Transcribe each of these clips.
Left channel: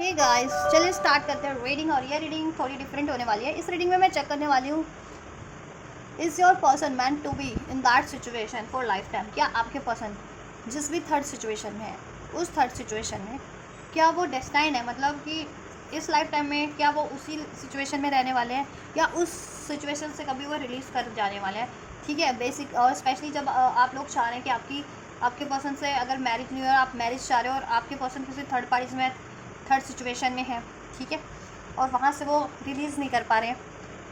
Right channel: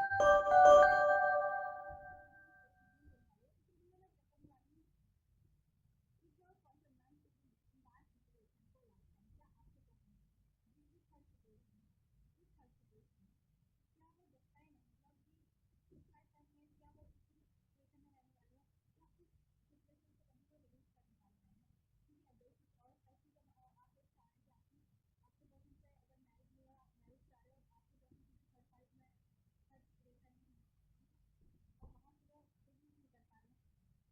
Hey guys, चलिए start करते हैं रीडिंग। और ये रीडिंग थोड़ी डिफरेंट होने वाली है। इस रीडिंग में मैं चेक करने वाली हूँ, is your person meant to be in that situation for lifetime. क्या आपके पर्सन जिस भी थर्ड सिचुएशन में है, उस थर्ड सिचुएशन में क्या वो डेस्टाइंड है, मतलब कि इस लाइफ टाइम में क्या वो उसी सिचुएशन में रहने वाले हैं या उस सिचुएशन से कभी वो रिलीज़ कर जाने वाले हैं। ठीक है, बेसिक। और स्पेशली जब आप लोग चाह रहे हैं कि आपके पर्सन से अगर मैरिज नहीं हो, आप मैरिज चाह रहे हो और आपके पर्सन किसी थर्ड पार्टीज में थर्ड सिचुएशन में है, ठीक है, और वहाँ से वो रिलीज़ नहीं कर पा रहे हैं,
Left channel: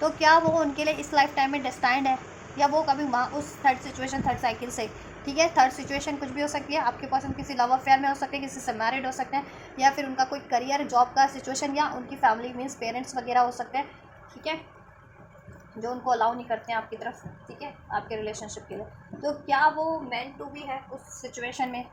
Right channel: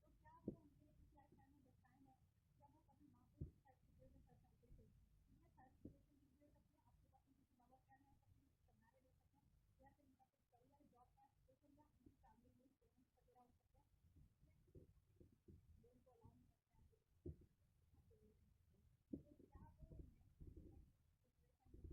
तो क्या वो उनके लिए इस लाइफ टाइम में डेस्टाइंड है या वो कभी वहाँ उस थर्ड सिचुएशन थर्ड साइकिल से। ठीक है, थर्ड सिचुएशन कुछ भी हो सकती है। आपके पर्सन किसी लव अफेयर में हो सकते हैं, किसी से मैरिड हो सकते हैं, या फिर उनका कोई करियर जॉब का सिचुएशन, या उनकी फैमिली मीन्स पेरेंट्स वगैरह हो सकते हैं। ठीक है, जो उनको अलाउ नहीं करते हैं आपकी तरफ, ठीक है, आपके रिलेशनशिप के लिए। तो क्या वो मेंट टू बी है उस सिचुएशन में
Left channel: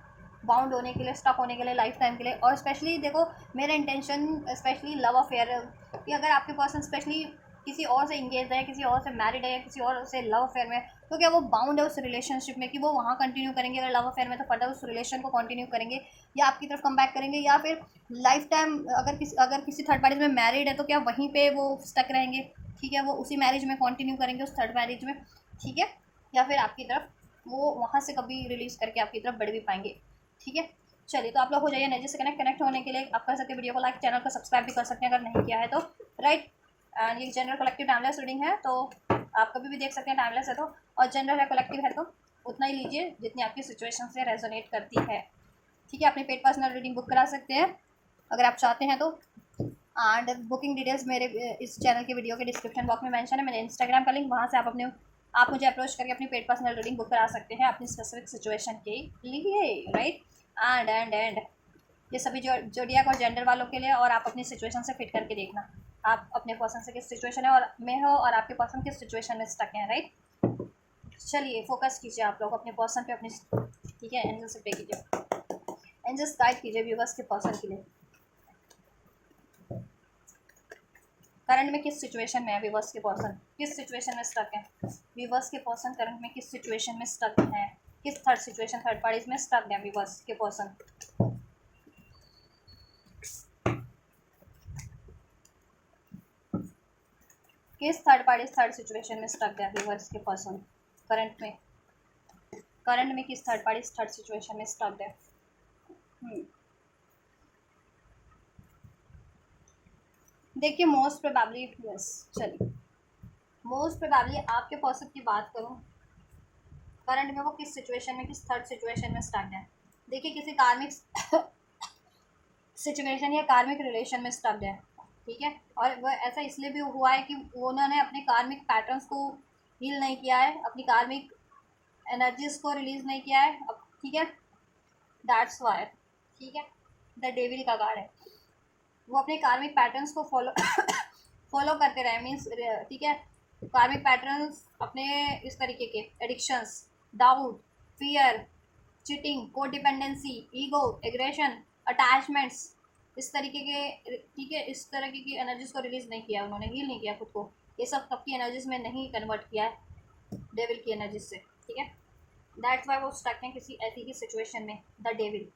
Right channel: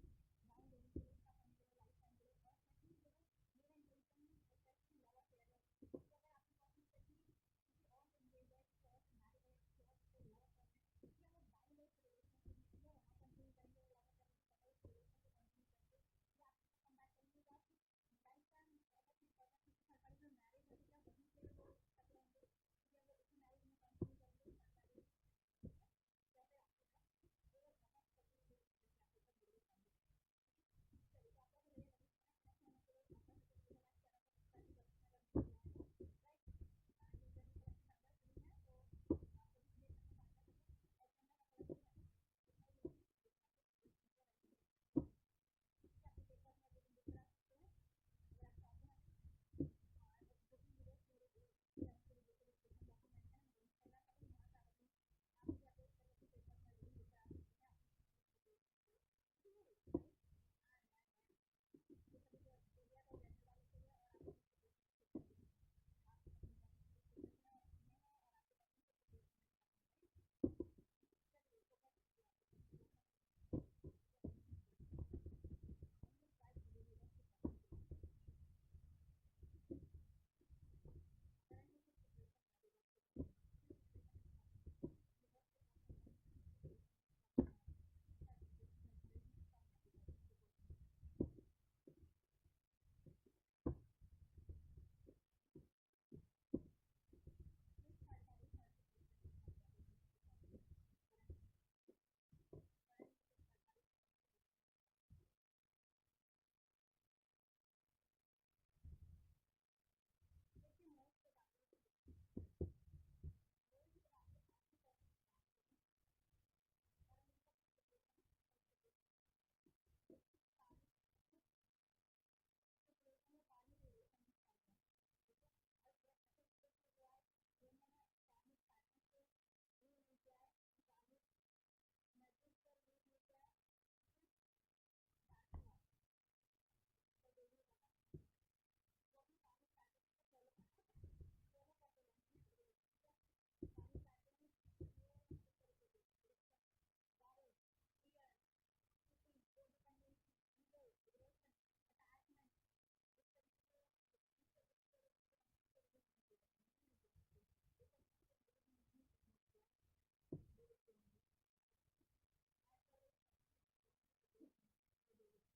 बाउंड होने के लिए, स्टक होने के लिए, लाइफ टाइम के लिए। और स्पेशली देखो, मेरा इंटेंशन स्पेशली लव अफेयर कि अगर आपके पर्सन स्पेशली किसी और से इंगेज है, किसी और से मैरिड है, या किसी और से लव अफेयर में, तो क्या वो बाउंड है उस रिलेशनशिप में कि वो वहाँ कंटिन्यू करेंगे। अगर लव अफेयर में तो फर्दर उस रिलेशन को कंटिन्यू करेंगे या आपकी तरफ कम बैक करेंगे, या फिर लाइफ टाइम अगर किसी थर्ड पार्टी में मैरिड है तो क्या वहीं पे वो स्टक रहेंगे। ठीक है, वो उसी मैरिज में कंटिन्यू करेंगे, उस थर्ड मैरिज में। ठीक है, या फिर आपकी तरफ वो वहाँ से कभी रिलीज़ करके आपकी तरफ बढ़ भी पाएंगे। ठीक है, चलिए, तो आप लोग हो जाइए एनर्जी से कनेक्ट होने के लिए आप कर सकते हैं वीडियो को लाइक, चैनल को सब्सक्राइब भी कर सकते हैं अगर नहीं किया है तो, राइट। एंड ये जनरल कलेक्टिव टाइमलेस रीडिंग है, तो आप कभी भी देख सकते हैं, टाइमलेस है तो। और जनरल है, कलेक्टिव है, तो उतना ही लीजिए जितनी आपकी सिचुएशन से रेजोनेट करती है। ठीक है, अपनी पेड पर्सनल रीडिंग बुक करा सकते हैं अगर आप चाहते हैं तो। एंड बुकिंग डिटेल्स मेरे इस चैनल के वीडियो के डिस्क्रिप्शन बॉक्स में मेंशन है, मेरे इंस्टाग्राम का लिंक, वहाँ से आप मुझे अप्रोच करके अपनी पेड पर्सनल रीडिंग बुक करा सकते हैं अपनी स्पेसिफिक सिचुएशन के लिए, राइट। एंड ये सभी जो जोडियाक और जेंडर वालों के लिए, और आप अपनी सिचुएशन से फिट करके देखना आप अपने पर्सन से किस सिचुएशन है और में हो, और आपके पर्सन किस सिचुएशन में स्टक है, राइट। चलिए, फोकस कीजिए आप लोग अपने पर्सन पे, अपनी, ठीक है, एंजल से पे कीजिए, एंजल्स गाइड कीजिए व्यूवर्स के पर्सन के लिए करंट में किस सिचुएशन में है। व्यूवर्स के पर्सन किस सिचुएशन में स्टक है। व्यूवर्स के पर्सन करंट में किस सिचुएशन में स्टक है, किस थर्ड सिचुएशन थर्ड पार्टीज में स्टक है व्यूवर्स के पर्सन। किस थर्ड पार्टी थर्ड सिचुएशन में स्टक है व्यूवर्स के पर्सन करंट में किस थर्ड पार्टी थर्ड सिचुएशन में स्टक है। देखिए, मोस्ट प्रोबेबली, यस, चलिए, मोस्ट प्रोबेबली आपके पर्सन की बात करूं, करंट में वो किस सिचुएशन में, किस थर्ड सिचुएशन में स्टक है। देखिए, किसी कार्मिक सिचुएशन या कार्मिक रिलेशन में स्टक है, ठीक है। और वह ऐसा इसलिए भी हुआ है कि उन्होंने अपने कार्मिक पैटर्न्स को हील नहीं किया है, अपनी कार्मिक एनर्जीज को रिलीज नहीं किया है अब, ठीक है, दैट्स वाई, ठीक है, द डेविल का कार्ड है। वो अपने कार्मिक पैटर्न्स को फॉलो फॉलो करते रहे, मीन्स, ठीक है, कार्मिक पैटर्न्स अपने इस तरीके के एडिक्शंस, डाउट, फियर, चीटिंग, को डिपेंडेंसी, ईगो, एग्रेशन, अटैचमेंट्स, इस तरीके के, ठीक है, इस तरीके की एनर्जीज को रिलीज नहीं किया, उन्होंने हील नहीं किया खुद को, ये सब सबकी एनर्जीज में नहीं कन्वर्ट किया है डेविल की एनर्जीज से, ठीक है। दैट्स वाई वो स्टक हैं किसी ऐसी ही सिचुएशन में, द डेविल,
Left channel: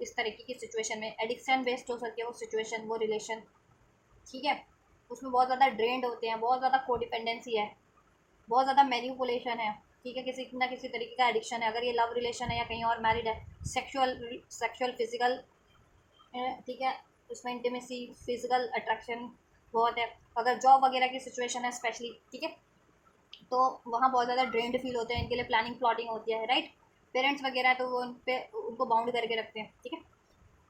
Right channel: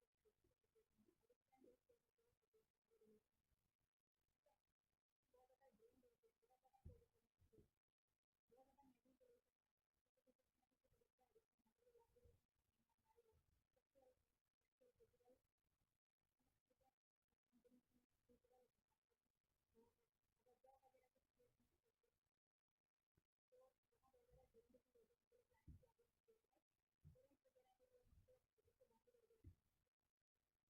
इस तरीके की सिचुएशन में। एडिक्शन बेस्ड हो सकती है वो सिचुएशन, वो रिलेशन, ठीक है, उसमें बहुत ज़्यादा ड्रेन्ड होते हैं, बहुत ज़्यादा कोडिपेंडेंसी है, बहुत ज़्यादा मैनिपुलेशन है, ठीक है, किसी ना किसी तरीके का एडिक्शन है, अगर ये लव रिलेशन है या कहीं और मैरिड है, सेक्सुअल सेक्सुअल फिजिकल, ठीक है, उसमें इंटीमेसी, फिजिकल अट्रैक्शन बहुत है। अगर जॉब वगैरह की सिचुएशन है स्पेशली, ठीक है, तो वहाँ बहुत ज़्यादा ड्रेन्ड फील होते हैं, इनके लिए प्लानिंग प्लॉटिंग होती है, राइट। पेरेंट्स वगैरह है तो वो उन पे उनको बाउंड करके रखते हैं, ठीक है।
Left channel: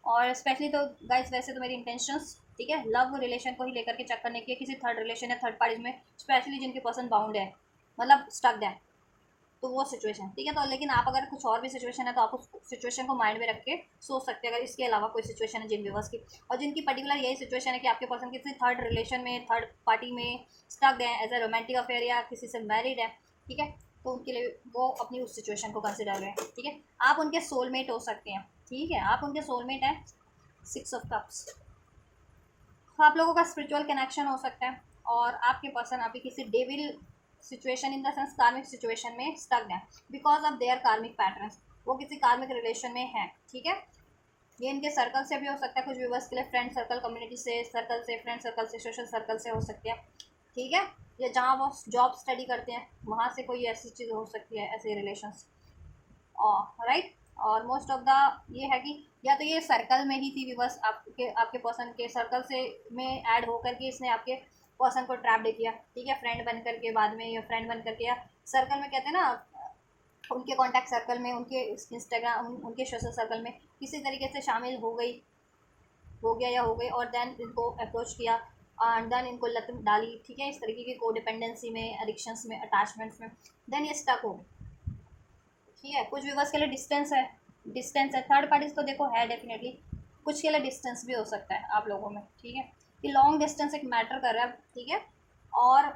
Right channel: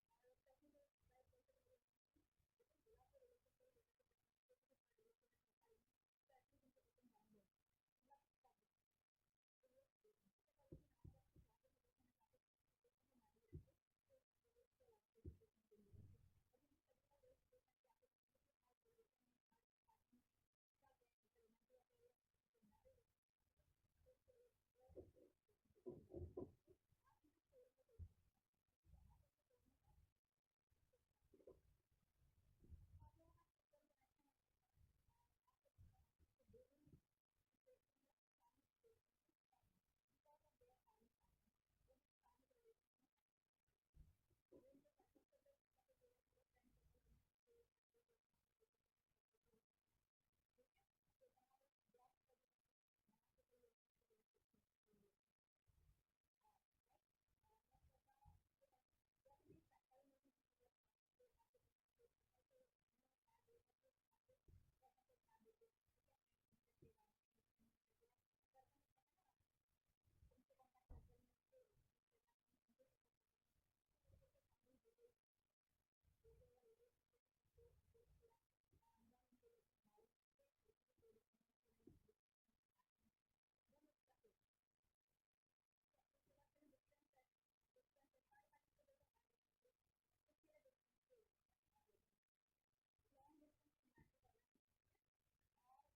और स्पेशली तो गाइस, वैसे तो मेरी इंटेंशंस, ठीक है, लव रिलेशन को ही लेकर के चेक करने की, किसी थर्ड रिलेशन या थर्ड पार्टीज में, स्पेशली जिनके पर्सन बाउंड है, मतलब स्टक्ड है, तो वो सिचुएशन, ठीक है। तो लेकिन आप अगर कुछ और भी सिचुएशन है तो आप उस सिचुएशन को माइंड में रख के सोच सकते हैं, अगर इसके अलावा कोई सिचुएशन है जिन व्यूवर्स की, और जिनकी पर्टिकुलर यही सिचुएशन है कि आपके पर्सन किसी थर्ड रिलेशन में, थर्ड पार्टी में स्टक्ड है, एज अ रोमांटिक अफेयर या किसी से मैरिड है, ठीक है, तो उनके लिए वो अपनी उस सिचुएशन को कंसिडर करें, ठीक है। आप उनके सोलमेट हो सकते हैं, ठीक है, आप उनके सोलमेट हैं। 6 ऑफ कप्स, आप लोगों का स्पिरिचुअल कनेक्शन हो सकता है, और आपके पर्सन अभी किसी devil situation, in the sense कार्मिक सिचुएशन में स्टक है बिकॉज ऑफ देयर कार्मिक पैटर्न्स, वो किसी कार्मिक रिलेशन में है, ठीक है, ये इनके सर्कल से भी हो सकता है, कुछ व्यूवर्स के लिए फ्रेंड सर्कल, कम्युनिटी से सर्कल से, फ्रेंड सर्कल से, सोशल सर्कल से हो सकती है, ठीक है। या जहाँ वो जॉब स्टडी करते हैं वहाँ से कोई ऐसी चीज़ हो सकती है, ऐसे रिलेशंस, और राइट। और मोस्ट ऑफ द ये है कि या तो ये सर्कल में ही थी व्यूवर्स, आपके आपके पर्सन के सर्कल से में ऐड होकर के इसने आपके पर्सन को ट्रैप दे किया, ठीक है, फ्रेंड बन करके बाद में, या फ्रेंड बन करके, या सर्कल में कहते हैं ना, उनके कॉन्टैक्ट सर्कल में, उनके इंस्टाग्राम, उनके सोशल सर्कल में किसी तरीके से शामिल हो गई, हो गया या हो गई, और देन इनको अप्रोच किया, एंड देन इनको लत डाली, ठीक है, इस तरीके की कोडिपेंडेंसी में, एडिक्शंस में, अटैचमेंट्स में, देन ये स्टक हो, ठीक है। कुछ व्यूवर्स के लिए डिस्टेंस है, डिस्टेंस है, थर्ड पार्टीज तो देखो है डेफिनेटली, कुछ के लिए डिस्टेंस भी हो सकता है आप लोगों में, ठीक है। कि लॉन्ग डिस्टेंस एक मैटर कर रहा है, ठीक है, और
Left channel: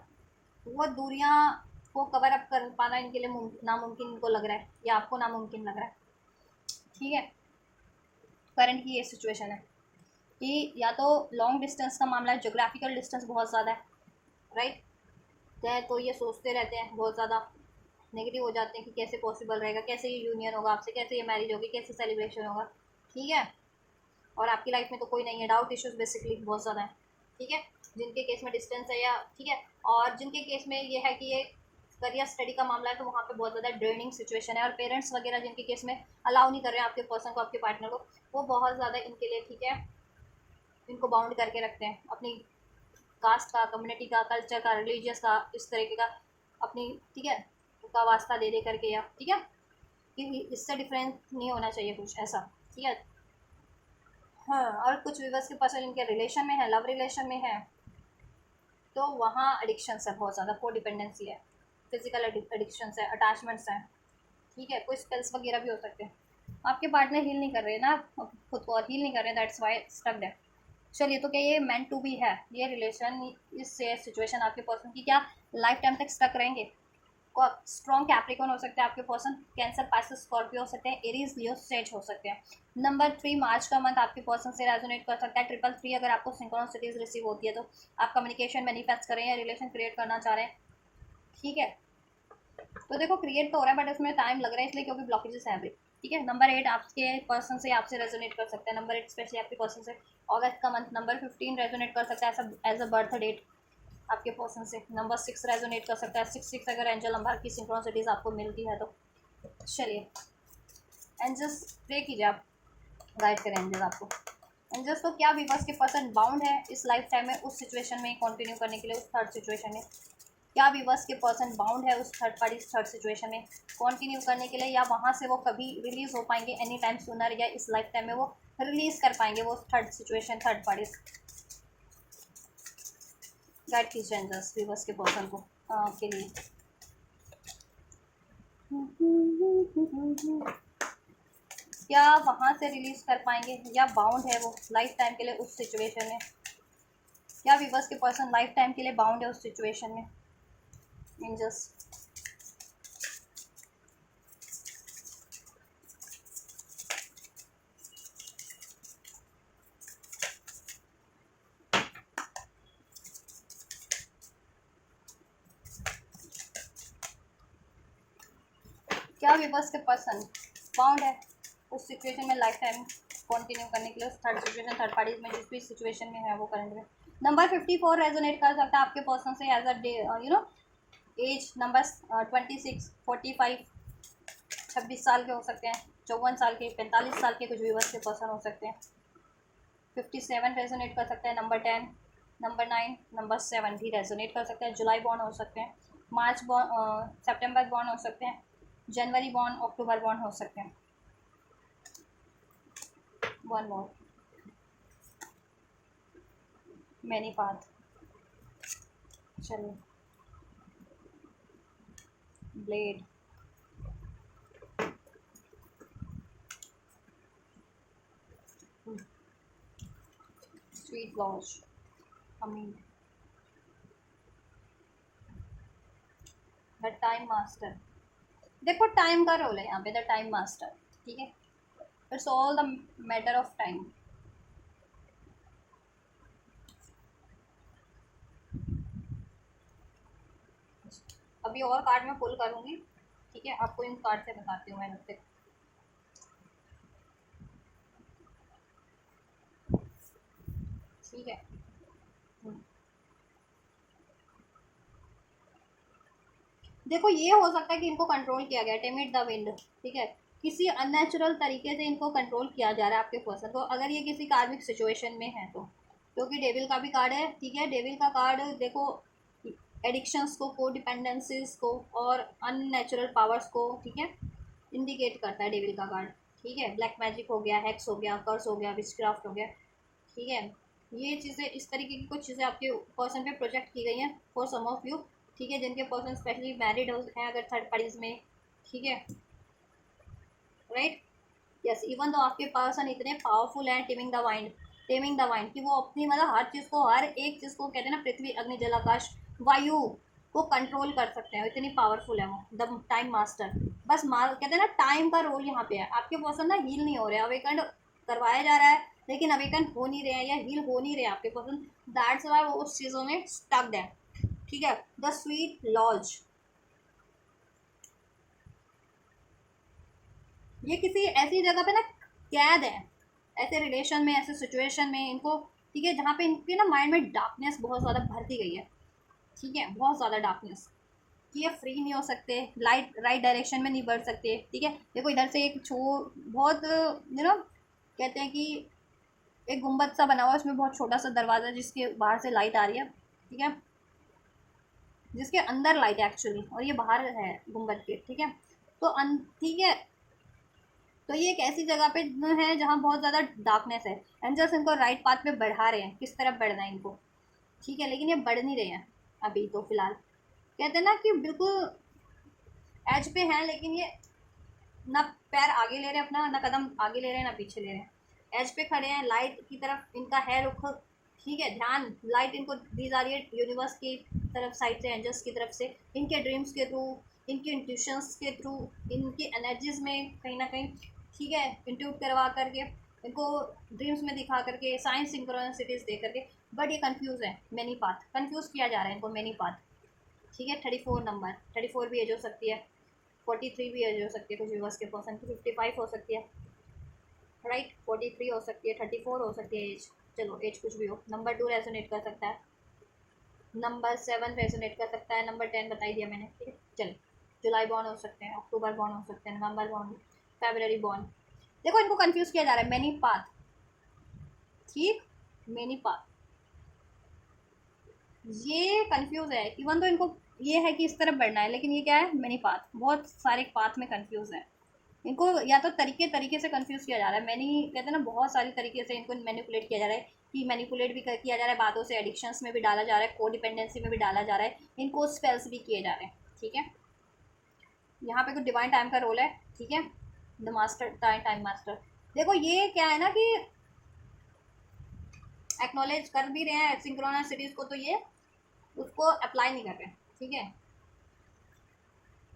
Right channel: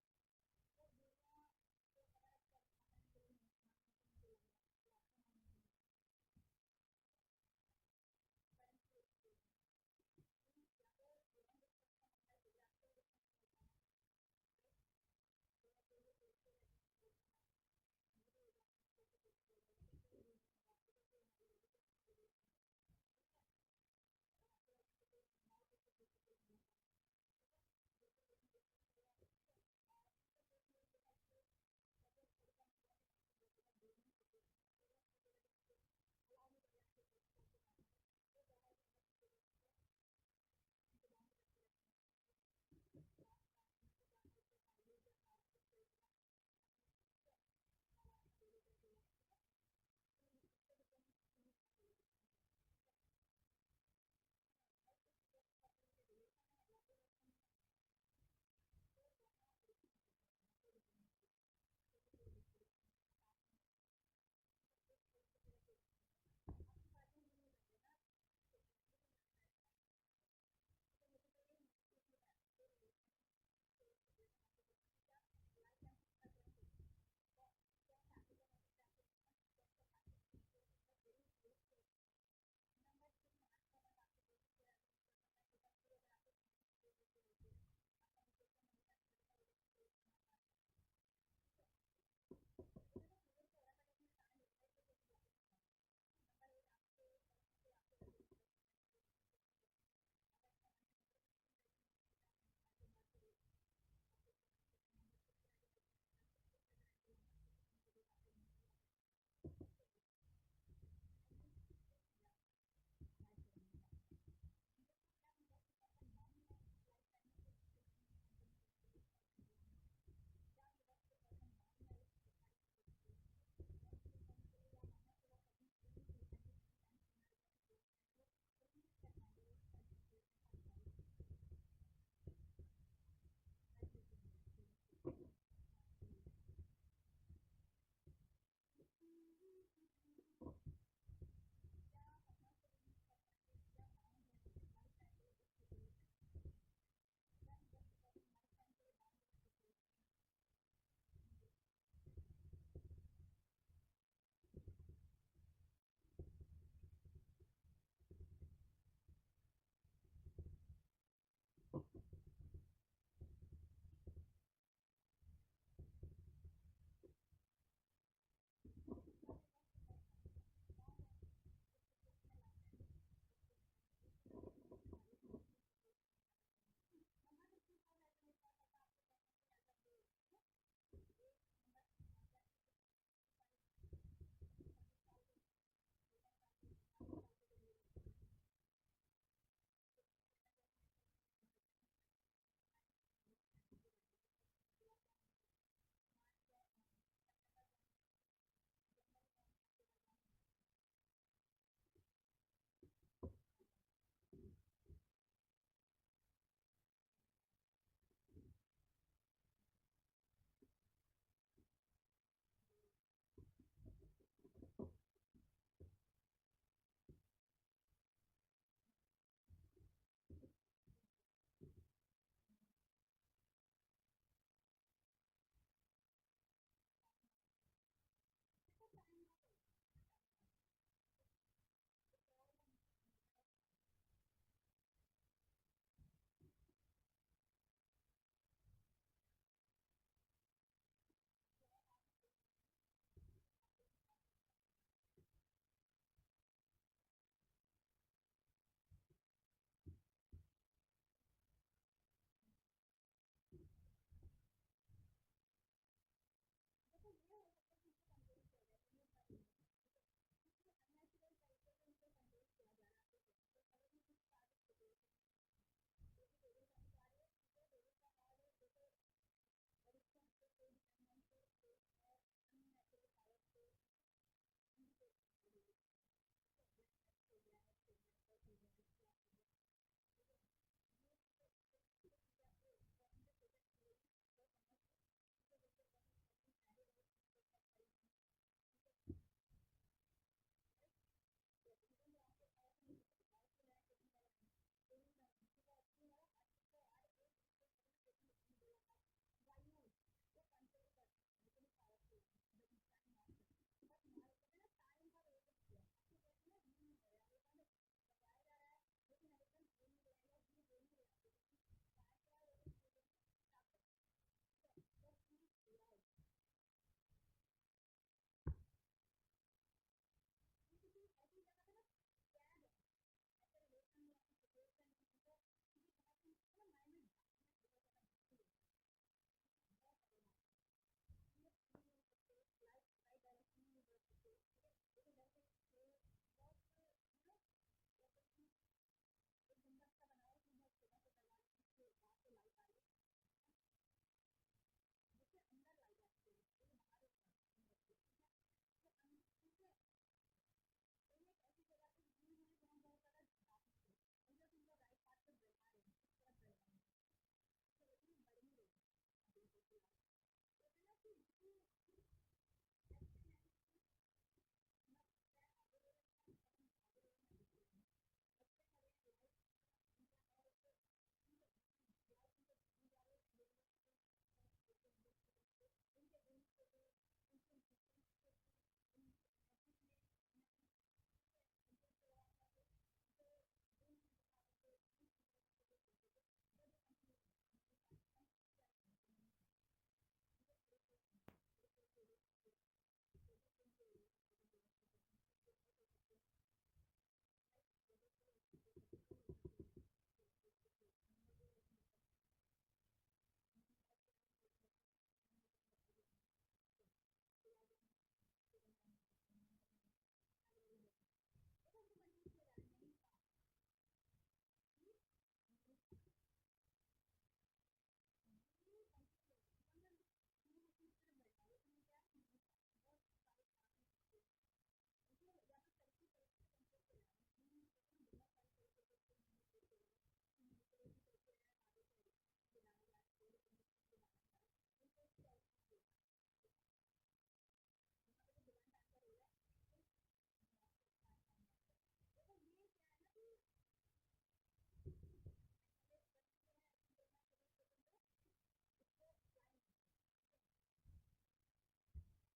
वो दूरियां को कवर अप कर पाना इनके लिए नामुमकिन इनको लग रहा है, या आपको नामुमकिन लग रहा है, ठीक है। करंट की ये सिचुएशन है कि या तो लॉन्ग डिस्टेंस का मामला है, जोग्राफिकल डिस्टेंस बहुत ज़्यादा है, राइट, तो ये सोचते रहते हैं, बहुत ज़्यादा नेगेटिव हो जाते हैं कि कैसे पॉसिबल रहेगा, कैसे ये यूनियन होगा आपसे, कैसे ये मैरिज होगी, कैसे सेलिब्रेशन होगा, ठीक है। और आपकी लाइफ में तो कोई नहीं है, डाउट इश्यूज बेसिकली बहुत ज़्यादा है, ठीक है, जिनके केस में डिस्टेंस है, या ठीक है, और जिनके केस में ये है कि ये करियर स्टडी का मामला है, तो वहाँ पे बहुत ज़्यादा ड्रेनिंग सिचुएशन है, और पेरेंट्स वगैरह जिनके केस में अलाउ नहीं कर रहे हैं आपके पर्सन को, आपके पार्टनर को, वो बहुत ज़्यादा इनके लिए, ठीक है, इनको बाउंड करके रखते हैं, अपनी कास्ट का, कम्युनिटी का, कल्चर का, रिलीजियस का, इस तरीके का, अपनी, ठीक है, का वास्ता दे दे करके, या ठीक है, कि इससे डिफरेंस नहीं होना चाहिए कुछ ऐसा, ठीक है। हाँ, और कुछ व्यूवर्स के पर्सन इनके रिलेशन में है, लव रिलेशन में है, तो वहाँ एडिक्शंस है बहुत ज़्यादा, को डिपेंडेंसी है, फिजिकल एडिक्शंस है, अटैचमेंट्स हैं, ठीक है, कोई स्पेल्स वगैरह भी हो सकते हैं। आपके पार्टनर हील नहीं कर रहे हैं ना खुद को, और हील नहीं कर रहे हैं, दैट्स वाई स्टक है। चलिए, तो क्या ये मेंट टू बी है, ये रिलेशन, इस सिचुएशन आपके पर्सन की, क्या लाइफ टाइम तक स्टक रहेंगे? स्ट्रॉन्ग कैप्रिकॉन हो सकते हैं आपके पर्सन, कैंसर, पाइसेस, स्कॉर्पियो हो सकते हैं, एरीज, लियो, सेज हो सकते हैं। नंबर 3 मार्च का मंथ आपके पर्सन से रेजोनेट कर सकता है। 333 अगर आपको सिंक्रोनिसिटीज रिसीव होती है तो आप कम्युनिकेशन मैनिफेस्ट करें या रिलेशन क्रिएट करना चाह रहे हैं, ठीक है। तो देखो, क्रिएट तो हो रहा है बट उसमें टाइम लग रहा है, इसलिए क्योंकि ब्लॉकेजेस हैं अभी, ठीक है। नंबर 8 आपके पर्सन से आपसे रेजोनेट कर सकते हैं, नंबर 8 स्पेशली आपके पर्सन से अगस्त का मंथ। नंबर 15 रेजोनेट कर सकता है एज अ बर्थ डेट आपके पर्सन से। नंबर 6 रेजोनेट कर सकता है, 6 अगर एंजल नंबर की सिंक्रोनिसिटीज आपको मिलती है तो। चलिए, एंजल्स प्रे कीजिए, आप गाइड करें एंजल्स आपको। एंजल्स तो क्या विवर्स के पर्सन बाउंड है इस लाइफ टाइम में उस सिचुएशन में कंटिन्यू करने के लिए, उस थर्ड सिचुएशन में? क्या विवर्स के पर्सन बाउंड है उस थर्ड पार्टी थर्ड सिचुएशन में कंटिन्यू करने के लिए, या वहाँ से वो कभी रिलीज हो पाएंगे एनी टाइम सूनर, या इस लाइफ टाइम में वो रिलीज कर पाएंगे वो third situation, third party? Guide कीजिए एंजल्स विवर्स के पर्सन को के लिए। क्या वहाँ से रिलीज कर पाएंगे, या बाउंड है वो लाइफ टाइम के लिए उस सिचुएशन में? क्या विवर्स के पर्सन लाइफ टाइम के लिए बाउंड है उस सिचुएशन में? एंजल्स, क्या विवर्स के पर्सन बाउंड है उस सिचुएशन में लाइफ टाइम कंटिन्यू करने के लिए, उस थर्ड सिचुएशन, थर्ड पार्टी में जिस भी सिचुएशन में है वो करंट में? नंबर 54 रेजोनेट कर सकता है आपके पर्सन से age a day, age number 26, 45, 26 साल के हो सकते हैं, 54 साल के, 45 साल के कुछ व्यूवर्स के पर्सन हो सकते हैं। 57 रेजोनेट कर सकता है, नंबर 10, नंबर 9, नंबर 7 भी रेजोनेट कर सकता है। जुलाई बॉर्न हो सकते हैं, मार्च बॉर्न, सितंबर बॉर्न हो सकते हैं, जनवरी बॉर्न, अक्टूबर बॉर्न हो सकते हैं। One more, many path. चलिए, ब्लेड, स्वीट लॉज, हमीन, द टाइम मास्टर। देखो, टाइम का रोल है यहाँ पे, द टाइम मास्टर, ठीक है। It's all the matter of time. अभी और कार्ड में पुल करूँगी, ठीक है, आपको इन कार्ड से बताती हूँ मैं फिर। ठीक है। देखो ये हो सकता है कि इनको कंट्रोल किया गया, टेमिड द विंड, ठीक है, किसी अननेचुरल तरीके से इनको कंट्रोल किया जा रहा है आपके पर्सन को, अगर ये किसी कार्मिक सिचुएशन में है तो, क्योंकि डेविल का भी कार्ड है, ठीक है। डेविल का कार्ड देखो एडिक्शंस को, डिपेंडेंसीज को और अननेचुरल पावर्स को, ठीक है, इंडिकेट करता है डेविल का कार्ड, ठीक है। ब्लैक मैजिक हो गया, हैक्स हो गया, कर्स हो गया, विचक्राफ्ट हो गया, ठीक है। ये चीज़ें, इस तरीके की कुछ चीज़ें आपके पर्सन पे प्रोजेक्ट की गई हैं फॉर सम ऑफ यू, ठीक है, जिनके पर्सन स्पेशली मैरिड हैं अगर थर्ड पार्टीज में, ठीक है, राइट। यस, इवन तो आपके पर्सन इतने पावरफुल हैं, टेमिंग द माइंड कि वो अपनी मतलब हर चीज़ को, हर एक चीज़ को, कहते हैं ना, पृथ्वी अग्नि जल आकाश वायु को कंट्रोल कर सकते हैं, इतनी पावरफुल है वो, द टाइम मास्टर। बस मार, कहते हैं ना, टाइम का रोल यहाँ पे है। आपके पर्सन ना हील नहीं हो रहे, अवेकन करवाया जा रहा है लेकिन अवेकन हो नहीं रहे हैं या हील हो नहीं रहे हैं आपके पर्सन, दैट्स वाई वो उस चीज़ों में स्टक्ड है, ठीक है। द स्वीट लॉज, ये किसी ऐसी जगह पे ना कैद है, ऐसे रिलेशन में, ऐसे सिचुएशन में इनको, ठीक है, जहाँ पे इनके ना माइंड में डार्कनेस बहुत ज़्यादा भरती गई है, ठीक है, बहुत ज़्यादा डार्कनेस, कि ये फ्री नहीं हो सकते, लाइट राइट डायरेक्शन में नहीं बढ़ सकते, ठीक है। देखो इधर से एक बहुत कहते हैं कि एक गुम्बद सा बना हुआ है, उसमें बहुत छोटा सा दरवाज़ा जिसके बाहर से लाइट आ रही है, ठीक है, जिसके अंदर लाइट है एक्चुअली, और ये बाहर है गुम्बद के, ठीक है। तो ठीक है, तो ये एक ऐसी जगह पे है जहाँ बहुत ज़्यादा डार्कनेस है, एंजल्स इनको राइट पाथ पे बढ़ा रहे हैं, किस तरफ बढ़ना है इनको, ठीक है, लेकिन ये बढ़ नहीं रहे हैं अभी तो फिलहाल, कहते हैं ना कि बिल्कुल एज पे हैं, लेकिन ये ना पैर आगे ले रहे हैं अपना, ना कदम आगे ले रहे हैं, ना पीछे ले रहे हैं, एज पे खड़े हैं, लाइट की तरफ इनका है रुख, ठीक है, ध्यान, लाइट इनको दी जा रही है यूनिवर्स की तरफ साइड से, एंजल्स की तरफ से, इनके ड्रीम्स के थ्रू, इनके इंट्यूशंस के थ्रू, इनकी एनर्जीज में कहीं ना कहीं, ठीक है, इंट्यूट करवा करके, इनको ड्रीम्स में दिखा करके, साइंस सिंक्रोनिसिटीज दे करके, बट ये कंफ्यूज है, मैनी पाथ कंफ्यूज किया जा रहा है इनको, मैनी पाथ, ठीक है। 34 नंबर, 34 भी एज हो सकती है, 43 भी एज हो सकती है कुछ व्यूवर्स के पर्सन की, 55 हो सकती है, राइट, 43 हो सकती है, 34 हो सकती है एज, चलो एज कुछ भी हो। नंबर 2 रेजोनेट कर सकता है, नंबर 7 रेजोनेट कर सकता है, नंबर 10 बता ही दिया मैंने, ठीक है। चलो, जुलाई बॉर्न हो सकते हैं, अक्टूबर बॉर्न हो सकते हैं, नवंबर बॉर्न, फरवरी बॉर्न। देखो इनको कंफ्यूज किया जा रहा है, मैनी पाथ, ठीक, मैनी पाथ, ये कंफ्यूज है, इवन तो इनको ये है कि इस तरफ बढ़ना है, लेकिन ये क्या है, मैनी पाथ, बहुत सारे पाथ में कंफ्यूज है इनको, या तो तरीके तरीके से कंफ्यूज किया जा रहा है, मैनी कहते हैं ना, बहुत सारी तरीके से इनको मैनिपुलेट किया जा रहा है, कि मैनिपुलेट भी किया जा रहा है बातों से, एडिक्शंस में भी डाला जा रहा है, को डिपेंडेंसी में भी डाला जा रहा है, इनको स्पेल्स भी किए जा रहे हैं, ठीक है। यहाँ पे कुछ डिवाइन टाइम का रोल है, ठीक है, द मास्टर, टाइम मास्टर। देखो ये क्या है ना कि एक्नॉलेज कर भी रहे हैं सिंक्रोनासिटीज को, तो ये उसको अप्लाई नहीं कर रहे, ठीक है।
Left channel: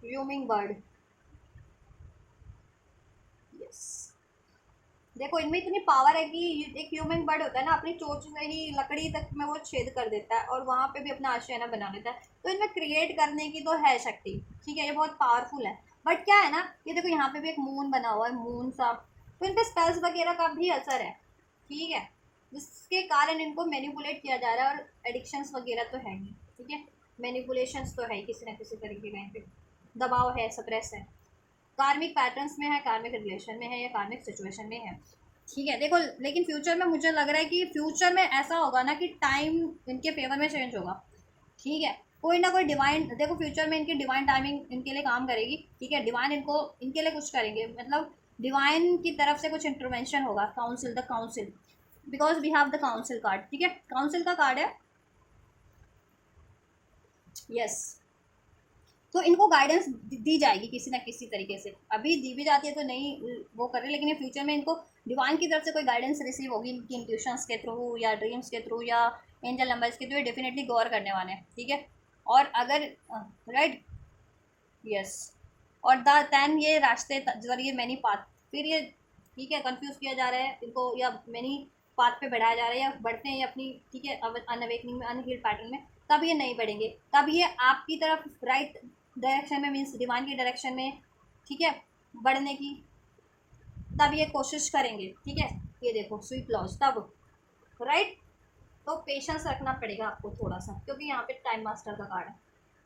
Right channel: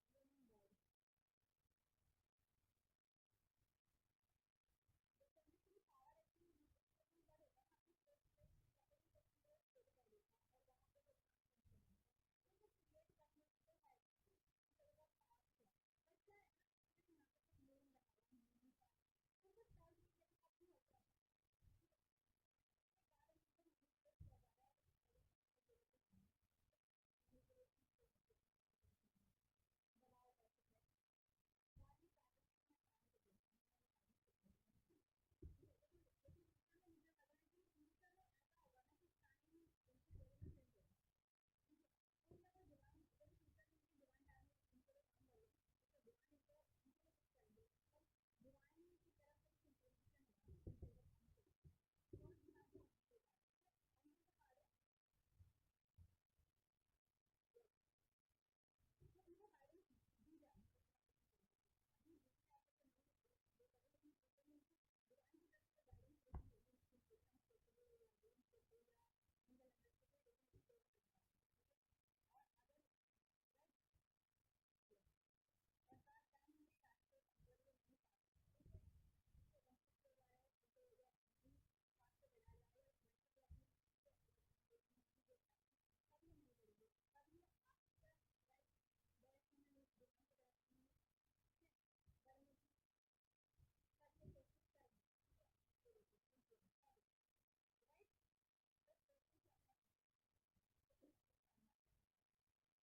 ह्यूमिंग बर्ड, यस, देखो इनमें इतनी पावर है कि एक ह्यूमन बर्ड होता है ना, अपनी चोंच से ही लकड़ी तक में वो छेद कर देता है और वहाँ पे भी अपना आशियाना बना लेता है, तो इनमें क्रिएट करने की तो है शक्ति, ठीक है, ये बहुत पावरफुल है। बट क्या है ना, ये देखो यहाँ पे भी एक मून बना हुआ है, मून सा, तो इन पे स्पेल्स वगैरह का भी असर है, ठीक है, जिसके कारण इनको मैनिपुलेट किया जा रहा है, और एडिक्शंस वगैरह तो है नहीं, ठीक है, मैनिपुलेशंस तो है किसी ना किसी तरीके का, इन पे दबाव है, सप्रेस है, कार्मिक पैटर्न्स में है, कार्मिक रिलेशन में है, या कार्मिक सिचुएशन में है, ठीक है। देखो लेकिन फ्यूचर में मुझे लग रहा है कि फ्यूचर में ऐसा होगा ना कि टाइम इनके फेवर में चेंज होगा, ठीक है, कोई ना कोई डिवाइन, देखो फ्यूचर में इनकी डिवाइन टाइमिंग इनके लिए काम करेगी, ठीक है, डिवाइन इनको इनके लिए कुछ करेंगे, मतलब डिवाइन की तरफ से कुछ इंटरवेंशन होगा, council, the council, because we have the council card, ठीक है, काउंसिल का कार्ड है, यस। तो इनको गाइडेंस दी जाएगी किसी ना किसी तरीके से, अभी दी भी जाती है तो नहीं वो कर रहे, लेकिन ये फ्यूचर में इनको डिवाइन की तरफ से कोई गाइडेंस रिसीव होगी, इनकी इंट्यूशंस के थ्रू या ड्रीम्स के थ्रू या एंजल नंबर्स के थ्रू, ये डेफिनेटली गौर करने वाले हैं, ठीक है। और अगर राइट, यस, और दैन ये रास्ते जरिए मैनी पाथ, फिर ये, ठीक है, कंफ्यूज किया जा रहा है इनको, या मैनी पाथ पे बढ़ाया जा रहा है, या बढ़ते हैं अपनी, ठीक है, अनअवेकनिंग में, अनहील्ड पैटर्न में, तब ये नहीं बढ़ेंगे, तब ये आपकी तरफ राइट डायरेक्शन में, मीन्स डिवाइन की डायरेक्शन में, ठीक है, बढ़ने की, तब ये कोशिश करेंगे, ठीक है। ये देखो स्वीट लॉज, तब राइट, पेशेंस रखना पड़ेगा आपको थोड़ा सा, क्योंकि यहाँ पे टाइम मास्टर का कार्ड है,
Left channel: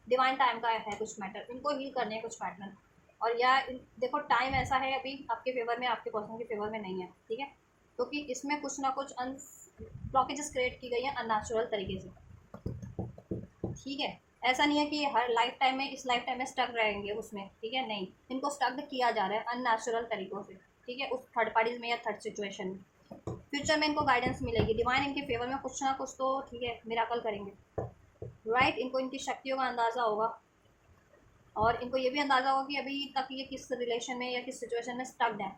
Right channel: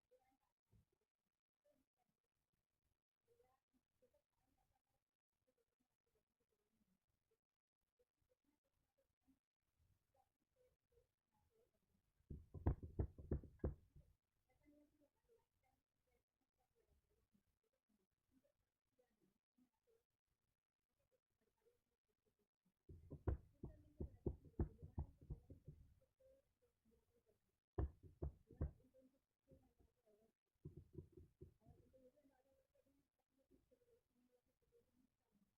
डिवाइन टाइम का है कुछ मैटर, इनको हील करने हैं कुछ पैटर्न। और या देखो टाइम ऐसा है अभी आपके फेवर में, आपके पर्सन के फेवर में नहीं है, ठीक है, क्योंकि इसमें कुछ ना कुछ ब्लॉकेजेस क्रिएट की गई है अननेचुरल तरीके से, ठीक है। ऐसा नहीं है कि हर लाइफ टाइम में, इस लाइफ टाइम में स्टक रहेंगे उसमें, ठीक है, नहीं, इनको स्टक किया जा रहा है अननेचुरल तरीक़ों से, ठीक है, उस थर्ड पार्टीज में या थर्ड सिचुएशन में। फ्यूचर में इनको गाइडेंस मिलेगी, डिवाइन इनके फेवर में कुछ ना कुछ तो, ठीक है, मिराकल करेंगे, राइट। इनको इनकी शक्तियों का अंदाज़ा होगा, और इनको ये भी अंदाज़ा होगा कि अभी तक ये किस रिलेशन में या किस सिचुएशन में स्टक्ड है,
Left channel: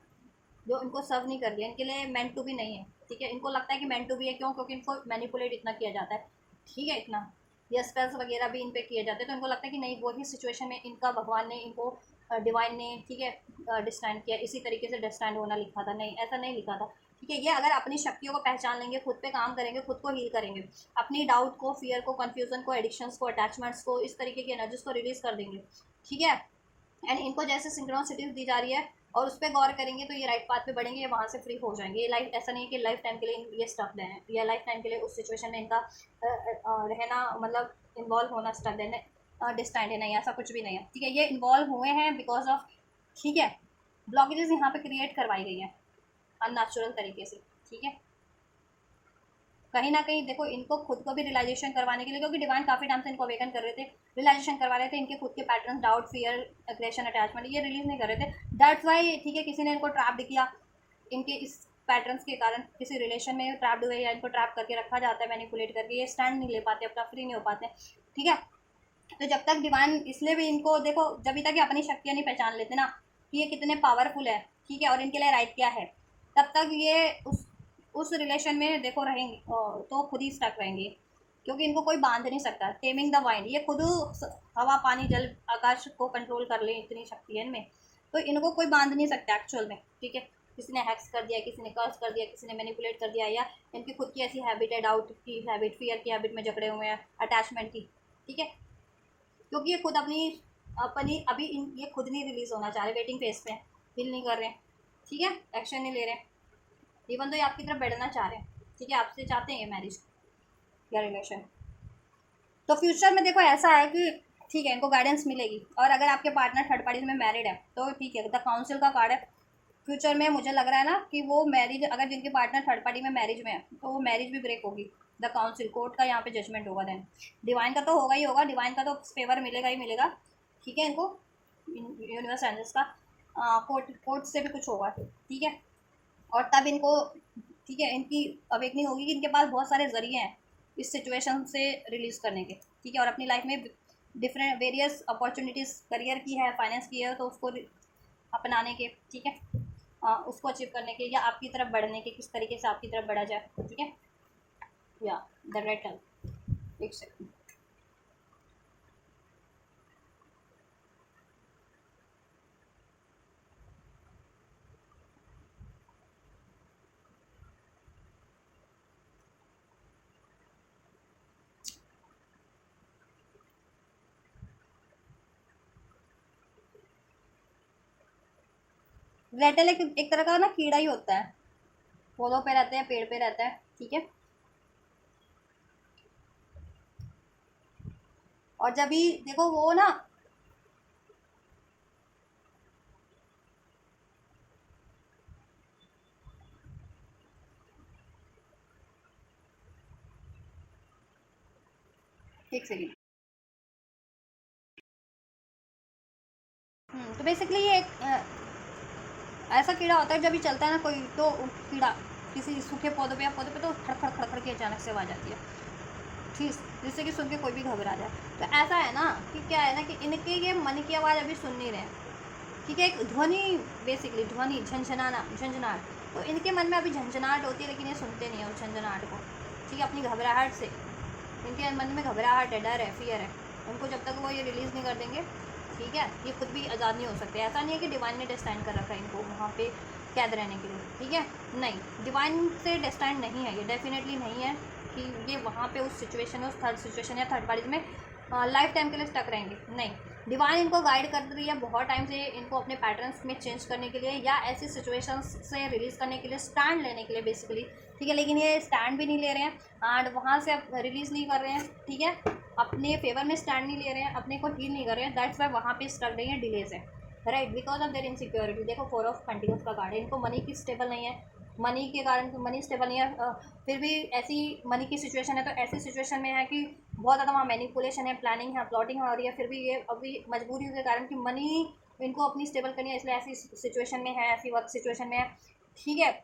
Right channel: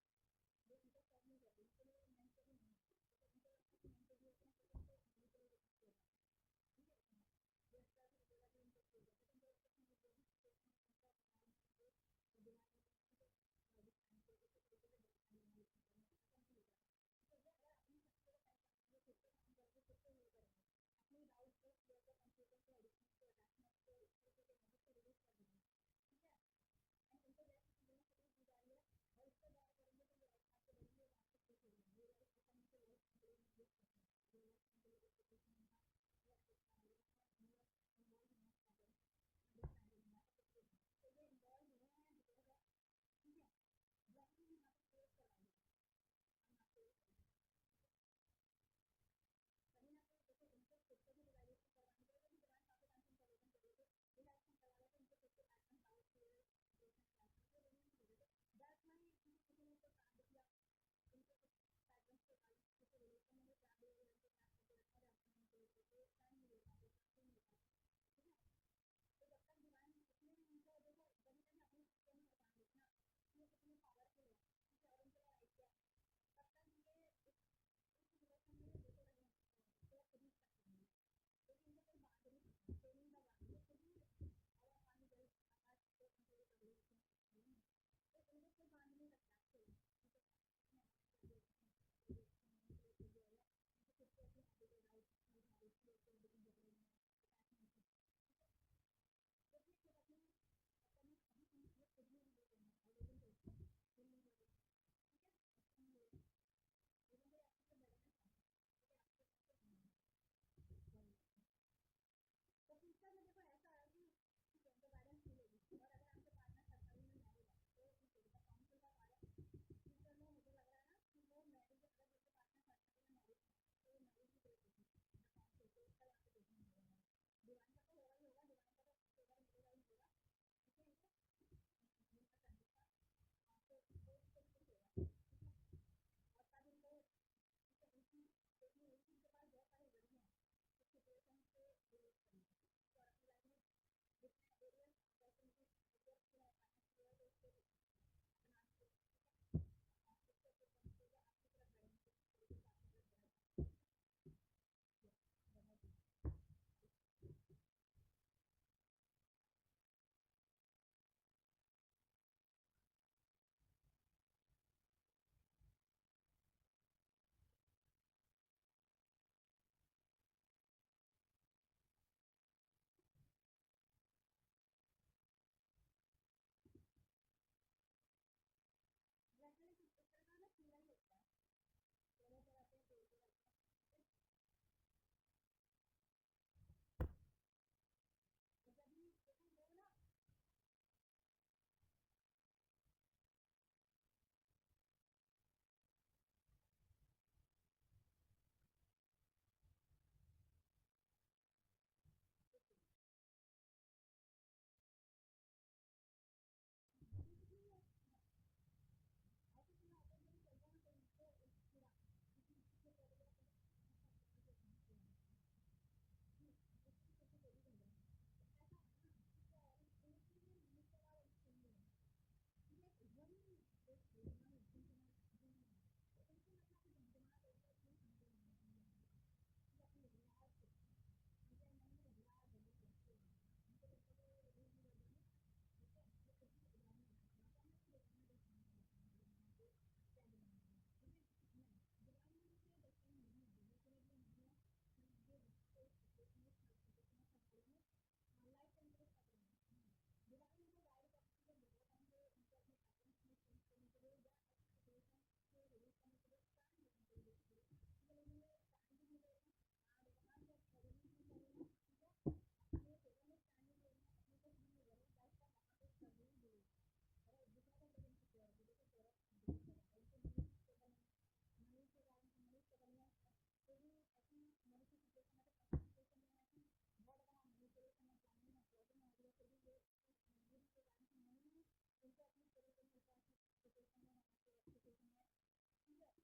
जो इनको सर्व नहीं कर रही है, इनके लिए मेंट टू भी नहीं है, ठीक है। इनको लगता है कि मेंट टू भी है, क्यों? क्योंकि इनको मैनिपुलेट इतना किया जाता है, ठीक है, इतना, या स्पेल्स वगैरह भी इन पे किए जाते हैं, तो इनको लगता है कि नहीं, वही सिचुएशन में इनका भगवान ने, इनको डिवाइन ने, ठीक है, डिस्टैंड किया, इसी तरीके से डिस्टैंड होना लिखा था, नहीं, ऐसा नहीं लिखा था, ठीक है। ये अगर अपनी शक्तियों को पहचान लेंगे, खुद पे काम करेंगे, खुद को हील करेंगे, अपनी डाउट को, फियर को, कन्फ्यूजन को, एडिक्शंस को, अटैचमेंट्स को, इस तरीके की एनर्जीज को रिलीज कर देंगे, ठीक है। एंड इनको जैसे सिंक्रोनिसिटीज दी जा रही है और उस पर गौर करेंगे तो ये राइट पाथ पे बढ़ेंगे, ये वहाँ से फ्री हो जाएंगे। ये लाइफ, ऐसा नहीं है कि लाइफ टाइम के लिए ये स्टक हैं, या लाइफ टाइम के लिए उस सिचुएशन में इनका रहना, मतलब इन्वॉल्व होना स्टक है, डिस्टेंट है, नहीं, ऐसा कुछ भी नहीं है, ठीक है। ये इन्वॉल्व हुए हैं बिकॉज ऑफ, ठीक है, ब्लॉकेजेस यहाँ पे क्रिएट करवाई गई है अननेचुरल तरीके से, ठीक है। कहीं ना कहीं देखो, इनको खुद को भी रियलाइजेशन करवाने के लिए, क्योंकि डिवाइन काफ़ी टाइम से इनको अवेकन कर रहे थे, रियलाइजेशन करवा रहे थे, इनके खुद के pattern, doubt, fear, aggression, attachment, ये रिलीज नहीं कर रहे थे, दैट्स वाई, ठीक है, किसी ने इनको ट्रैप किया, इनके इस पैटर्न्स के कारण किसी रिलेशन में ट्रैप्ड हुए, या इनको ट्रैप करके रखा जाता है, मैनिपुलेट करके, ये स्टैंड नहीं ले पाते, अपना फ्री नहीं हो पाते, ठीक है। तो जब तक डिवाइन, इसलिए भी इनको देखो, जब तक ये अपनी शक्तियाँ नहीं पहचान लेते ना कि ये कितने पावरफुल है, ठीक है, और इनके लिए राइट क्या है, तब तक ये उस रिलेशन में देखो रहेंगे, तो खुद ही स्टक रहेंगे, क्योंकि इनको कोई बांध नहीं सकता। टेमिंग द वाइंड, ये खुद हवा, पानी, जल, आकाश को कंट्रोल कर ले, इतनी शक्ति है इनमें, तो इनको कोई बांध नहीं सकता एक्चुअल में, ठीक है। किसी ने हैक्स कर दिया, किसी ने कर्स कर दिया, किसी ने मैनिपुलेट कर दिया, या इनकी खुद की ऐसी हैबिट है, डाउट की हैबिट, फियर की हैबिट में जकड़े हुए हैं, अटैचमेंट की, ठीक है, क्योंकि ये खुद अपनी अभी ये खुद नहीं रिलीज होना चाह रहे, वेटिंग फेज पे फील नहीं कर रहे, ठीक है, एक्शन नहीं ले रहे, इवन तो ये आपकी तरफ बढ़ना चाह रहे हैं, ठीक है, आपसे चाहते हैं ये मैरिज या रिलेशन। तो फ्यूचर में देखो ऐसा है कि, ठीक है, इनको गाइडेंस मिलेगी, और अगर आपके पार्टनर थर्ड पार्टीज में मैरिड है तो ठीक है, द काउंसिल का कार्ड है। फ्यूचर में मुझे लग रहा है ना कि वो मैरिज, अगर जिनके पार्टनर थर्ड पार्टी में मैरिज में है तो वो मैरिज भी ब्रेक होगी, द काउंसिल, कोर्ट का यहाँ पे जजमेंट होगा, देन डिवाइन का तो होगा ही होगा, डिवाइन का तो फेवर मिलेगा ही मिलेगा, ठीक है, इनको यूनिवर्स एंजल्स का, कोर्ट से भी कुछ होगा, ठीक है। और तब इनको, ठीक है, इनकी अवेकनिंग होगी कि इनके पास बहुत सारे जरिए हैं इस सिचुएशन से रिलीज करने के, ठीक है, और अपनी लाइफ में डिफरेंट वेरियस अपॉर्चुनिटीज़ करियर की है, फाइनेंस की है, तो उसको अपनाने के, ठीक है, उसको अचीव करने के, या आपकी तरफ बढ़ने के, किस तरीके से आपकी तरफ बढ़ा जाए, ठीक है, या द रेटल, एक सेकंड, रेटल एक तरह का ना कीड़ा ही होता है, पौधों पे रहते हैं, पेड़ पे रहता है, ठीक है। और जब भी देखो वो ना, एक सेकंड, तो बेसिकली ये एक ऐसा कीड़ा होता है, जब भी चलता है ना कोई, तो कीड़ा किसी सूखे पौधे पे या पौधे पे, तो खड़खड़ खड़खड़ की अचानक से आवाज़ आती है, ठीक, जिससे कि सुन के कोई भी घबरा जाए। तो ऐसा है ना कि क्या है ना कि इनके ये मन की आवाज़ अभी सुन नहीं रहे, ठीक है, एक ध्वनि, बेसिकली ध्वनि, झंझनाना, झंझनाहट, तो इनके मन में अभी झंझनाहट होती है, लेकिन ये सुनते नहीं है उस झंझनाहट को, ठीक है, अपनी घबराहट से, इनके मन में घबराहट है, डर है, फियर है, उनको जब तक वो ये रिलीज़ नहीं कर देंगे, ठीक है, ये खुद भी आज़ाद नहीं हो सकते। ऐसा नहीं है कि डिवाइन ने डिस्टैंड कर रखा है इनको वहाँ पे कैद रहने के लिए, ठीक है, नहीं, डिवाइन से डिस्टैंड नहीं है ये, डेफिनेटली नहीं है कि ये वहाँ पे उस सिचुएशन में, उस थर्ड सिचुएशन या थर्ड पार्टी में लाइफ टाइम के लिए स्टक रहेंगे, नहीं, डिवाइन इनको गाइड कर रही है बहुत टाइम से इनको अपने पैटर्न्स में चेंज करने के लिए या ऐसी सिचुएशंस से रिलीज़ करने के लिए, स्टैंड लेने के लिए बेसिकली, ठीक है। लेकिन ये स्टैंड भी नहीं ले रहे हैं एंड वहाँ से अब रिलीज़ नहीं कर रहे हैं, ठीक है। अपने फेवर में स्टैंड नहीं ले रहे हैं, अपने को हील नहीं कर रहे हैं, दैट्स वाई वहाँ पे स्टक रही है, डिलेज है, right, because of their insecurity. देखो 4 ऑफ पेंटिकल्स का कार्ड है, इनको मनी की स्टेबल नहीं है, मनी के कारण मनी स्टेबल नहीं है, फिर भी ऐसी मनी की सिचुएशन है, तो ऐसी सिचुएशन में है कि बहुत ज़्यादा वहाँ मैनिपुलेशन है, प्लानिंग है, प्लॉटिंग हो रही है, फिर भी ये अभी मजबूरी के कारण कि मनी इनको अपनी स्टेबल करनी है, इसलिए ऐसी सिचुएशन में है, ऐसी वर्क सिचुएशन में है, ठीक है।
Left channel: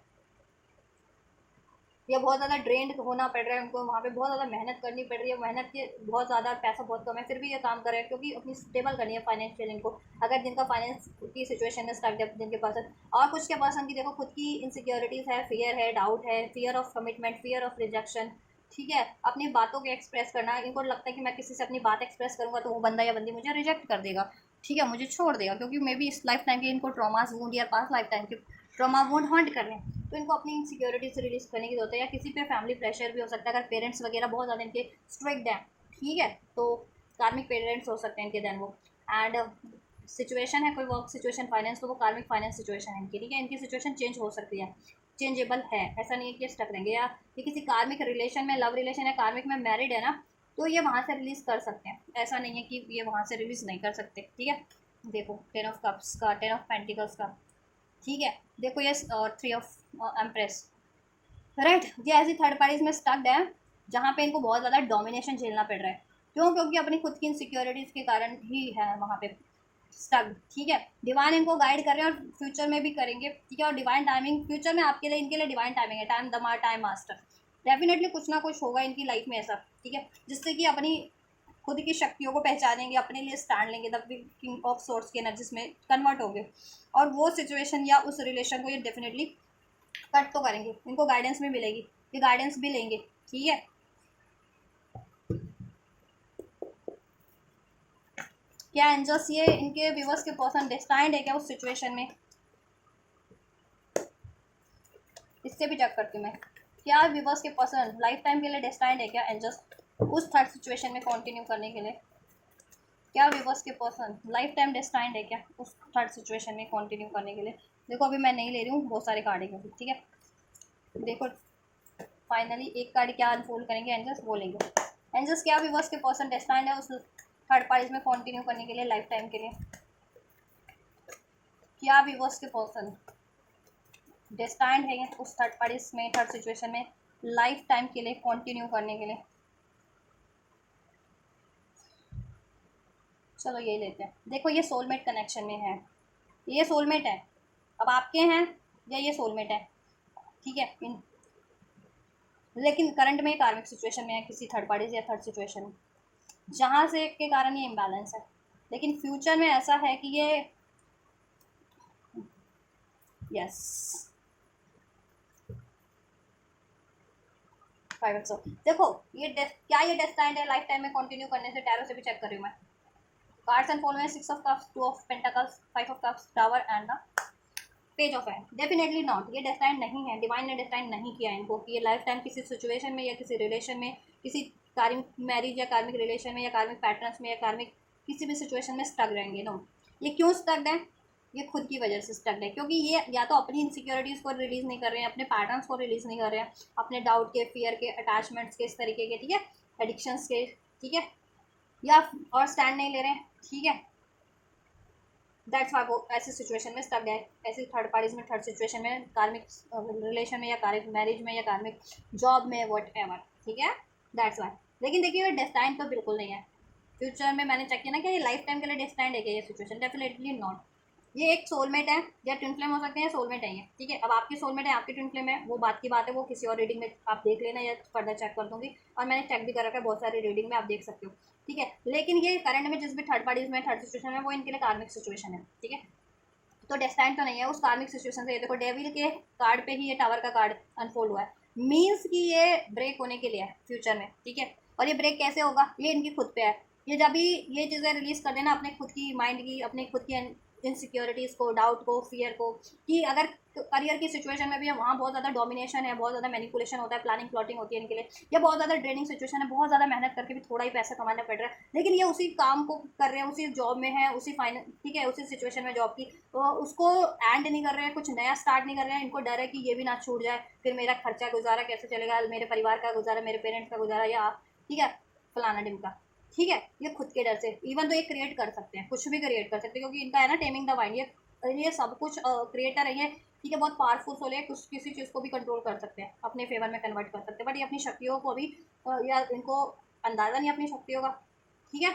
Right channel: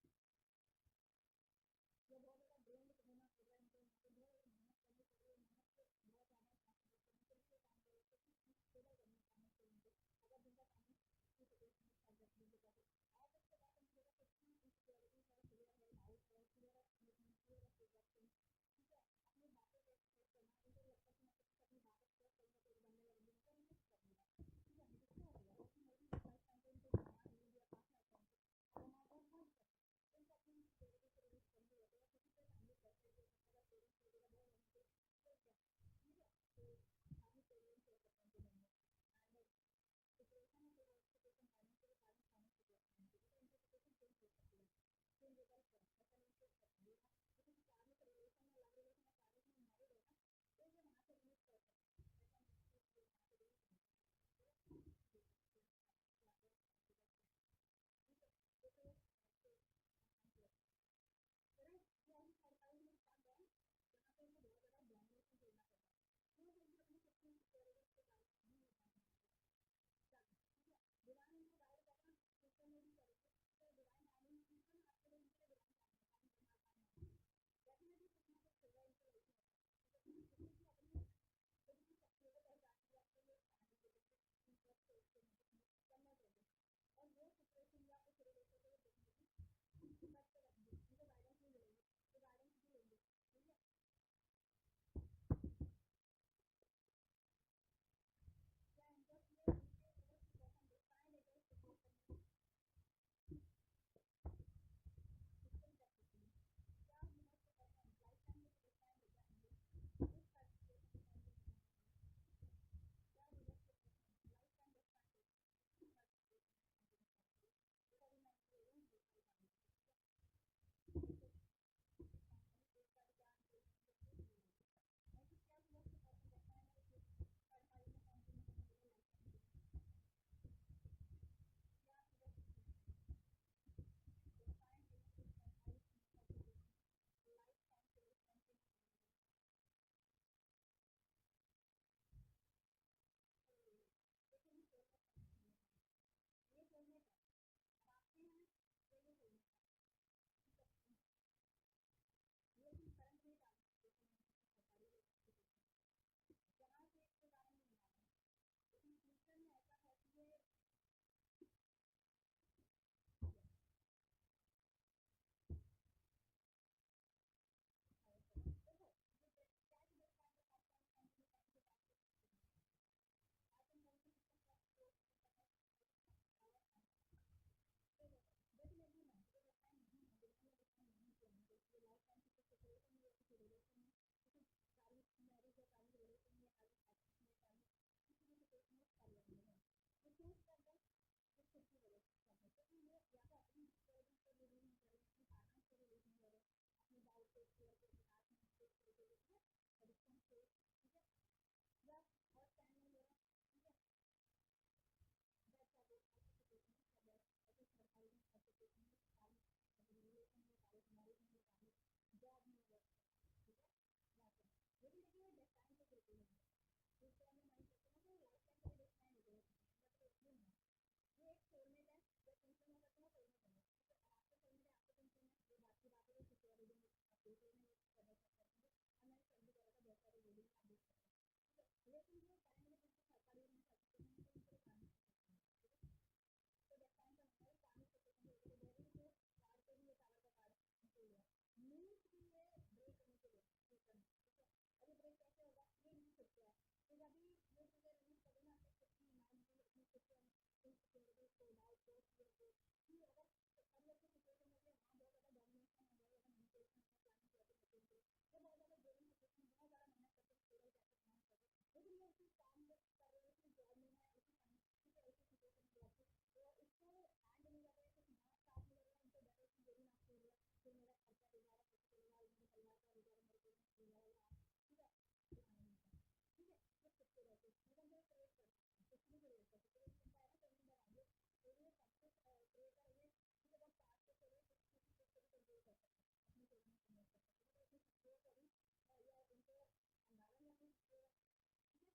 या बहुत ज़्यादा ड्रेंड होना पड़ रहा है उनको, वहाँ पे बहुत ज़्यादा मेहनत करनी पड़ रही है, मेहनत के बहुत ज़्यादा, पैसा बहुत कम है, फिर भी ये काम कर रहे हैं क्योंकि अपनी स्टेबल करनी है फाइनेंशियल इनको। अगर जिनका फाइनेंस की सिचुएशन में स्टक है, जिनके पास, और कुछ के पर्सन की देखो खुद की इनसिक्योरिटीज़ है, फियर है, डाउट है, fear of commitment, fear of rejection, ठीक है। अपनी बातों को एक्सप्रेस करना, इनको लगता है कि मैं किसी से अपनी बात एक्सप्रेस करूँगा तो वो बंदा या बंदी मुझे रिजेक्ट कर देगा, ठीक है, मुझे छोड़ देगा, क्योंकि मे बी इस लाइफ टाइम के इनको ट्रॉमास वूंड या पास लाइफ टाइम के ट्रॉमा वूंड हॉन्ट कर रहे हैं, तो इनको अपनी इनसिक्योरिटी से रिलीज करने की जरूरत है। या किसी पे फैमिली प्रेशर भी हो सकता है, अगर पेरेंट्स वगैरह बहुत ज़्यादा इनके स्ट्रिक्ट हैं, ठीक है, तो कार्मिक पेरेंट्स हो सकते हैं इनके देन वो, एंड सिचुएशन है कोई वर्क सिचुएशन, फाइनेंस, तो वो कार्मिक फाइनेंस सिचुएशन है इनकी, ठीक है। इनकी सिचुएशन चेंज हो सकती है, चेंजेबल है, ऐसा नहीं है कि स्टक रहेंगे। या ये किसी कार्मिक रिलेशन में, लव रिलेशन या कार्मिक में मैरिड है ना, तो ये वहाँ से रिलीज़ कर सकते हैं, ऐसा नहीं है कि ये वहाँ से रिलीज़ नहीं कर सकते, ठीक है। देखो 10 ऑफ कप्स का, 10 ऑफ पेंटिकल्स का, ठीक है। देखो ये 3 ऑफ एम्प्रेस, राइट, ये ऐसी थर्ड पार्टीज में स्टक्ड है जहाँ पे इनको बहुत ज़्यादा डोमिनेशन झेलना पड़ रहा है, क्यों, क्योंकि अपनी खुद की इनसिक्योरिटीज़ के कारण ही है वहाँ पे स्टक, ठीक है। डिवाइन इनको गाइड कर रहे हैं और फ्यूचर में भी करेंगे, ठीक है। और डिवाइन टाइमिंग फ्यूचर में आपके लिए, इनके लिए डिवाइन टाइमिंग है, टाइम दमा, टाइम मास्टर, डेफिनेटली कुछ ना कुछ होगा इनकी लाइफ में ऐसा, ठीक है, जिससे कि अपनी खुद की शक्तियों को पहचानेंगे, अपने लिए स्टैंड लेंगे, द किंग ऑफ सोर्ट्स की एनर्जीज में कन्वर्ट होंगे, और वो सिचुएशन या उस रिलेशन को ये डेफिनेटली कट तो करेंगे, इनको गाइडेंस भी मिलेगी, ये गाइडेंस भी लेंगे, ठीक है। क्या एंजल्स ये इनके व्यूवर्स के पर्सन डिस्टाइंड है क्या उस सिचुएशन में, इससे भी चेक करती हूँ मैं। क्या व्यूवर्स के पर्सन लाइफ टाइम के लिए डिस्टाइंड है क्या एंजल्स उस थर्ड सिचुएशन में कंटिन्यू करने के लिए, क्या व्यूवर्स के पर्सन लाइफ टाइम डिस्टाइंड है क्या उस थर्ड सिचुएशन में कंटिन्यू करने के लिए। देखो अभी मैं नहीं ले रही हूँ, बहुत सारे कार्ड है, ठीक है। देखो फाइनली एक कार्ड क्या अनफोल्ड करेंगे एंजल्स, बोलेंगे एंजल्स क्या व्यूवर्स के पर्सन डेस्टाइंड है उस थर्ड पार्टीज में कंटिन्यू करने के लिए, लाइफ टाइम के लिए। क्या व्यूवर्स के पर्सन डेस्टाइंड है उस थर्ड पार्टीज में, थर्ड सिचुएशन में लाइफ टाइम के लिए कंटिन्यू करने के लिए। चलो ये लेते हैं। देखो ये सोलमेट कनेक्शन में है, ये सोलमेट है, अब आपके हैं या ये सोलमेट है, ठीक है। लेकिन करंट में कार्मिक सिचुएशन में है किसी थर्ड पार्टी या थर्ड सिचुएशन में, जहाँ से के कारण ये इम्बैलेंस है। लेकिन फ्यूचर में ऐसा है कि ये यस देखो ये क्या ये डेस्टाइंड है लाइफ टाइम में कंटिन्यू करने से, टैरो से भी चेक कर रही हूँ मैं। कार्ड्स एंड फॉल में 6 of cups, 2 of pentacles, 5 of cups, tower and the page of hand. Definitely not, ये डेस्टाइंड नहीं है, डिवाइन ने डेस्टाइंड नहीं किया इनको कि ये लाइफ टाइम किसी सिचुएशन में या किसी रिलेशन में, किसी कार्मिक मैरिज या कार्मिक रिलेशन में या कार्मिक पैटर्न्स में या कार्मिक किसी भी सिचुएशन में स्टक रहेंगे। नो, ये क्यों स्टक्ड है, ये खुद की वजह से स्टक्ड है, क्योंकि ये या तो अपनी इनसिक्योरिटीज़ को रिलीज़ नहीं कर रहे हैं, अपने पैटर्न्स को रिलीज़ नहीं कर रहे हैं, अपने डाउट के, फियर के, अटैचमेंट्स के, इस तरीके के, ठीक है, एडिक्शंस के, ठीक है, या और स्टैंड नहीं ले रहे हैं, ठीक है। दैट्स वाई वो ऐसी सिचुएशन में स्टक गए, ऐसी थर्ड पार्टीज में, थर्ड सिचुएशन में, कार्मिक रिलेशन में या कार्मिक मैरिज में या कार्मिक जॉब में, वट एवर, ठीक है, दैट्स वाई। लेकिन देखिए डेस्टाइन तो बिल्कुल नहीं है। फ्यूचर में मैंने चेक किया ना कि ये लाइफ टाइम के लिए डेस्टाइंड है क्या ये सिचुएशन, डेफिनेटली नॉट। ये एक सोलमेट है या ट्विन फ्लेम हो सकते हैं, सोलमेट है ये, ठीक है। अब आपकी सोलमेट है, आपकी ट्विन फ्लेम है, वो बात की बात है, वो किसी और रीडिंग में आप देख लेना या फर्दर चेक कर दूँगी, और मैंने चेक भी कर रखा है बहुत सारी रीडिंग में, आप देख सकते हो, ठीक है। लेकिन ये करंट में जिस भी थर्ड पार्टीज में, थर्ड सिचुएशन है, वो इनके लिए कार्मिक सिचुएशन है, ठीक है। तो डेस्टाइन तो नहीं है उस कार्मिक सिचुएशन से। ये देखो डेविल के कार्ड पे ही ये टावर का कार्ड अनफोल्ड हुआ है, मीन्स कि ये ब्रेक होने के लिए है फ्यूचर में, ठीक है। और ये ब्रेक कैसे होगा, ये इनकी खुद पे है। ये जब भी ये चीज़ें रिलीज कर देना अपने खुद की माइंड की, अपने खुद की इनसिक्योरिटीज़ को, डाउट को, फियर को, कि अगर करियर की सिचुएशन में भी है, वहाँ बहुत ज़्यादा डोमिनेशन है, बहुत ज़्यादा मैनिपुलेशन होता है, प्लानिंग प्लॉटिंग होती है इनके लिए, या बहुत ज़्यादा ड्रेनिंग सिचुएशन है, बहुत ज़्यादा मेहनत करके भी थोड़ा ही पैसा कमाना पड़ रहा है, लेकिन ये उसी काम को कर रहे हैं, उसी जॉब में है, उसी फाइनेंस, ठीक है, उसी सिचुएशन में जॉब की, तो उसको एंड नहीं कर रहे हैं, कुछ नया स्टार्ट नहीं कर रहे हैं, इनको डर है कि ये भी ना छूट जाए, फिर मेरा खर्चा गुजारा कैसे चलेगा, मेरे परिवार का गुजारा, मेरे पेरेंट्स का गुजारा, या ठीक है फलाना ढिमका, ठीक है, ये खुद के डर से इवन तो ये क्रिएट कर सकते हैं, कुछ भी क्रिएट कर सकते हैं, क्योंकि इनका है ना टेमिंग द माइंड, ये सब कुछ क्रिएटर है ये, ठीक है, बहुत पावरफुल सोल है, कुछ किसी चीज़ को भी कंट्रोल कर सकते हैं, अपने फेवर में कन्वर्ट कर सकते हैं, बट ये अपनी शक्तियों को अभी या इनको अंदाज़ा नहीं अपनी शक्तियों का, ठीक है।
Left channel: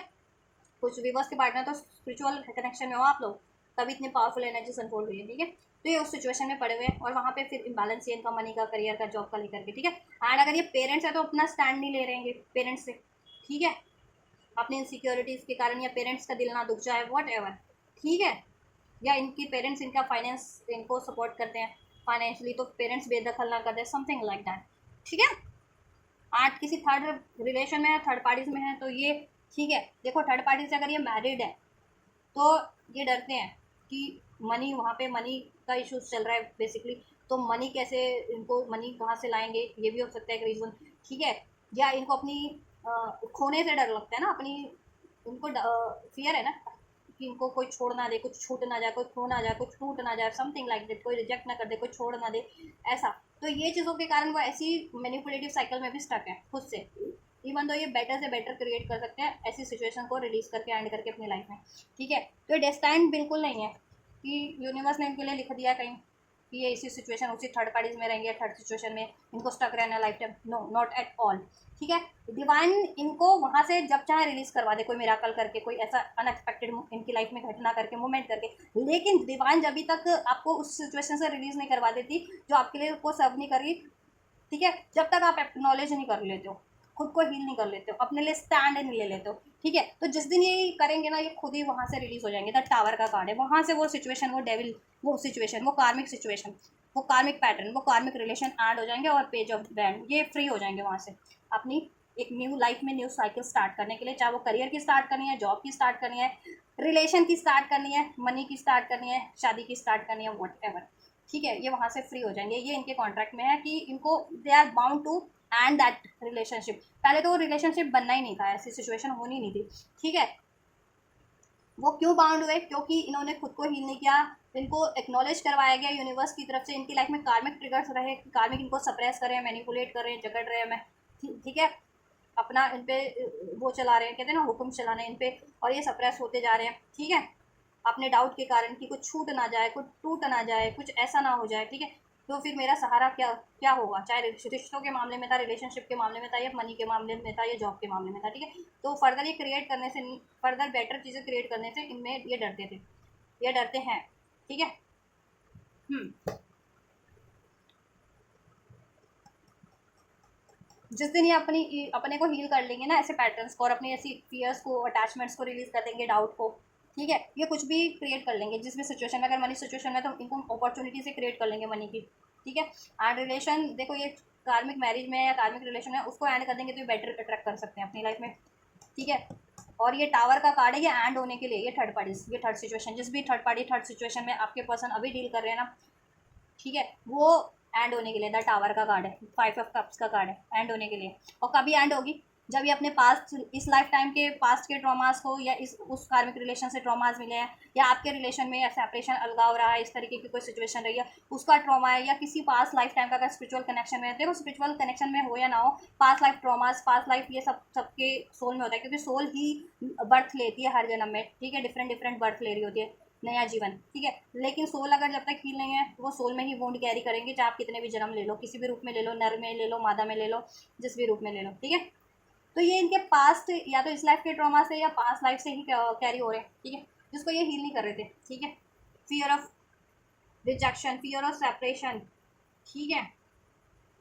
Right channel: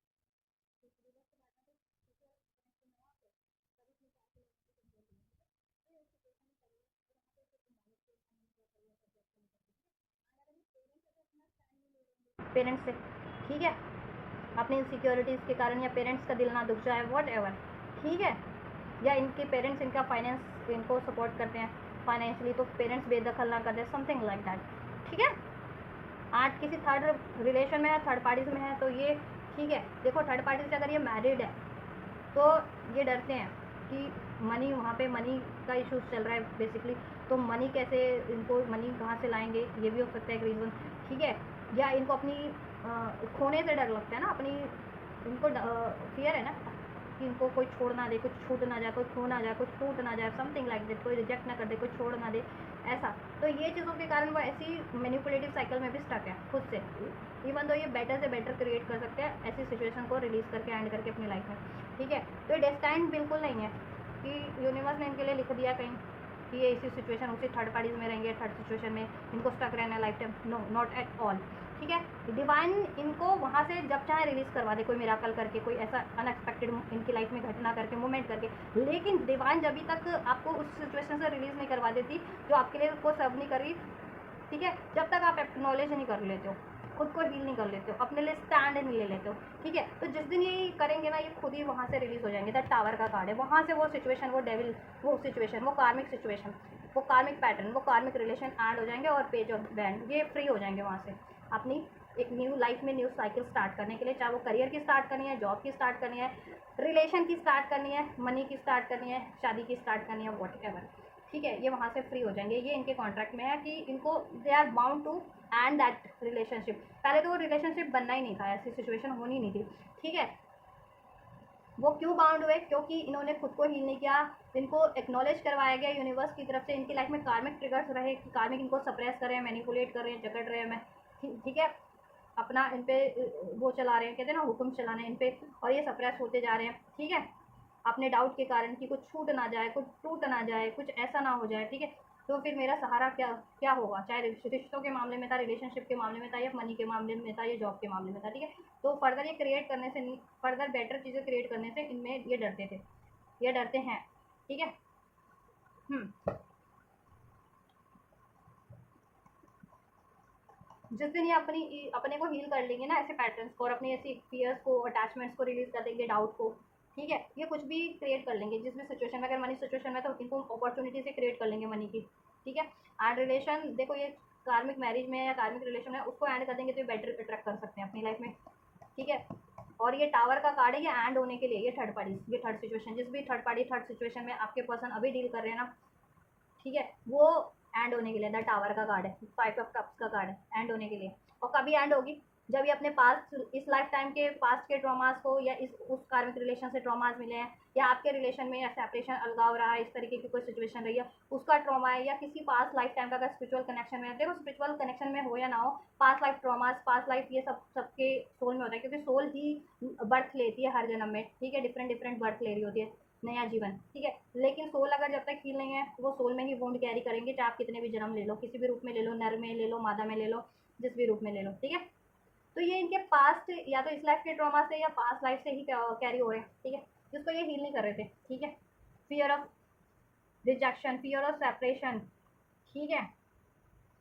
कुछ व्यूवर्स के पार्टनर तो स्पिरिचुअल कनेक्शन में हो आप लोग, तभी इतनी पावरफुल एनर्जी अनफोल्ड हुई है, ठीक है। तो ये उस सिचुएशन में पड़े हुए हैं और वहाँ पे फिर इम्बैलेंस है इनका मनी का, करियर का, जॉब का लेकर के, ठीक है। एंड अगर ये पेरेंट्स है तो अपना स्टैंड नहीं ले रहे हैं पेरेंट्स से, ठीक है, अपनी इनसिक्योरिटीज़ के कारण, या पेरेंट्स का दिल ना दुख जाए, वॉट एवर, ठीक है, या इनके पेरेंट्स इनका फाइनेंस इनको सपोर्ट करते हैं फाइनेंशियली, तो पेरेंट्स बेदखल ना कर दे, समथिंग लाइक दैट, ठीक है। आज किसी थर्ड रिलेशन में है, थर्ड पार्टीज में है, तो ये ठीक है, देखो थर्ड पार्टी से अगर ये मैरिड है तो ये डरते हैं कि मनी, वहाँ पे मनी का इशूज़ चल रहा है बेसिकली, तो मनी कैसे, इनको मनी कहाँ से लाएंगे, ये भी हो सकता है एक रीज़न, ठीक है। या इनको अपनी खोने से डर लगता है ना, अपनी इनको फियर है ना कि इनको कोई छोड़ ना दे, कुछ छूट ना जाए, कोई खो ना जाए, कुछ टूट ना जाए, समथिंग लाइक दैट, कोई रिजेक्ट ना कर दे, कोई छोड़ ना दे, ऐसा। तो ये चीज़ों के कारण वो ऐसी मैनिपुलेटिव साइकिल में भी स्टक है खुद से, इवन तो ये बेटर से बेटर क्रिएट कर सकते हैं ऐसी सिचुएशन को रिलीज़ करके एंड करके अपनी लाइफ में, ठीक है। तो ये डेस्टाइन बिल्कुल नहीं है कि यूनिवर्स ने इनके लिए लिख दिया कहीं कि ये इसी सिचुएशन, उसी थर्ड पार्टीज में रहेंगे, थर्ड सिचुएशन में इनको स्टक रहना है lifetime, no not at all, ठीक है। डिवाइन इनको वहाँ से जब चाहे रिलीज़ करवा दे, कोई मिराकल करके, कोई ऐसा अनएक्सपेक्टेड इनकी लाइफ में घटना करके, मूवमेंट करके, लेकिन डिवाइन जब तक आपको उस सिचुएशन से रिलीज़ नहीं करवा देती जो आपके लिए को सर्व नहीं कर रही, ठीक है, जब तक आप एक्नॉलेज नहीं कर लेते हो, खुद को हील नहीं कर लेते हो, अपने लिए स्टैंड नहीं ले लेते हो, ठीक है, तो जिस दिन ये करेंगे ना, ये खुद ही वहाँ से रिलीज़ हो जाएंगे। द टावर का कार्ड है, वहाँ से वो सिचुएशन, वो डेविल, वो सिचुएशन, वो कार्मिक सिचुएशन, वो कार्मिक पैटर्न, वो कार्मिक रिलेशन ऐड हो जाएंगे और पेज ऑफ बैंड, ये फ्री हो जाएंगे वहाँ से अपनी एक न्यू लाइफ में न्यू साइकिल स्टार्ट करने के लिए, चाहे वो करियर की स्टार्ट करनी है, जॉब की स्टार्ट करनी है, रिलेशन की स्टार्ट करनी है, मनी की स्टार्ट करनी है, शादी की स्टार्ट करनी है, वॉट एवर, ठीक है, ये वहाँ से फ्री हो जाएंगे। ये इनके कॉन्ट्रैक्ट में है कि इनको they are bound to end that relationship. पहले तो वो रिलेशनशिप बनना ही नहीं था, ऐसी सिचुएशन होनी नहीं थी, ठीक है। वो क्यों बाउंड हुए, क्योंकि इन्होंने खुद को हील नहीं किया, इनको एक्नॉलेज करवाया गया यूनिवर्स की तरफ से, इनकी लाइफ में कार्मिक ट्रिगर्स रहे, कार्मिक इनको सप्रेस कर रहे हैं, मैनिपुलेट कर रहे हैं, जकड़ रहे हैं, मैं ठीक है, अपना इन पे वो चला रहे हैं, कहते हैं ना हुक्म चलाने इन पे, और ये सप्रेस होते जा रहे हैं, ठीक है, अपने डाउट के कारण कि कुछ छूट ना जाए, कुछ टूट ना जाए, कुछ ऐसा ना हो जाए, ठीक है। तो फिर मेरा सहारा क्या क्या होगा, चाहे रिश्तों के मामले में था, रिलेशनशिप के मामले में था, या मनी के मामले में था, या जॉब के मामले में था, ठीक है। तो फर्दर ये क्रिएट करने से, फर्दर बेटर चीज़ें क्रिएट करने से इनमें ये डरते थे, ये डरते हैं, ठीक है। जिस दिन ये अपने को हील कर लेंगे ना ऐसे पैटर्न्स को, और अपनी ऐसी फियर्स को, अटैचमेंट्स को रिलीज कर देंगे, डाउट को, ठीक है, ये कुछ भी क्रिएट कर लेंगे जिस भी सिचुएशन में, अगर मनी सिचुएशन में तो इनको अपॉर्चुनिटी से क्रिएट कर लेंगे मनी की, ठीक है। एंड रिलेशन, देखो ये कार्मिक मैरिज में या कार्मिक रिलेशन है, उसको एंड कर देंगे तो ये बेटर अट्रैक्ट कर सकते हैं अपनी लाइफ में, ठीक है। और ये टावर का कार्ड है, ये एंड होने के लिए, ये थर्ड पार्टी, ये थर्ड सिचुएशन, जिस भी थर्ड पार्टी थर्ड सिचुएशन में आपके पर्सन अभी डील कर रहे हैं ना, ठीक है, वो एंड होने के लिए, द टावर का कार्ड है, 5 ऑफ कप्स का कार्ड है, एंड होने के लिए। और कभी एंड होगी, जब ये अपने पास्ट, इस लाइफ टाइम के पास्ट के ट्रॉमास को, या इस उस कार्मिक रिलेशन से ट्रॉमास मिले हैं, या आपके रिलेशन में या सेपरेशन, अलगाव रहा है, इस तरीके की कोई सिचुएशन रही है, उसका ट्रॉमा है, या किसी पास्ट लाइफ टाइम का अगर स्पिरिचुअल कनेक्शन में है, देखो स्पिरिचुअल कनेक्शन में हो या ना हो, past life traumas, past life, ये सब सबके सोल में होता है, क्योंकि सोल ही बर्थ लेती है हर जन्म में, ठीक है, डिफरेंट डिफरेंट बर्थ ले रही होती है, नया जीवन, ठीक है। लेकिन सोल अगर जब तक हील नहीं है, वो सोल में ही वोंड कैरी करेंगे, चाहे आप कितने भी जन्म ले लो, किसी भी रूप में ले लो, नर में ले लो, मादा में ले लो, जिस भी रूप में ले लो, ठीक है। तो ये इनके पास्ट, या तो इस लाइफ के ट्रॉमा से या पास्ट लाइफ से ही कैरी हो रहे हैं, ठीक है, जिसको ये हील नहीं कर रहे थे, ठीक है। Fear of rejection, fear of separation, ठीक है,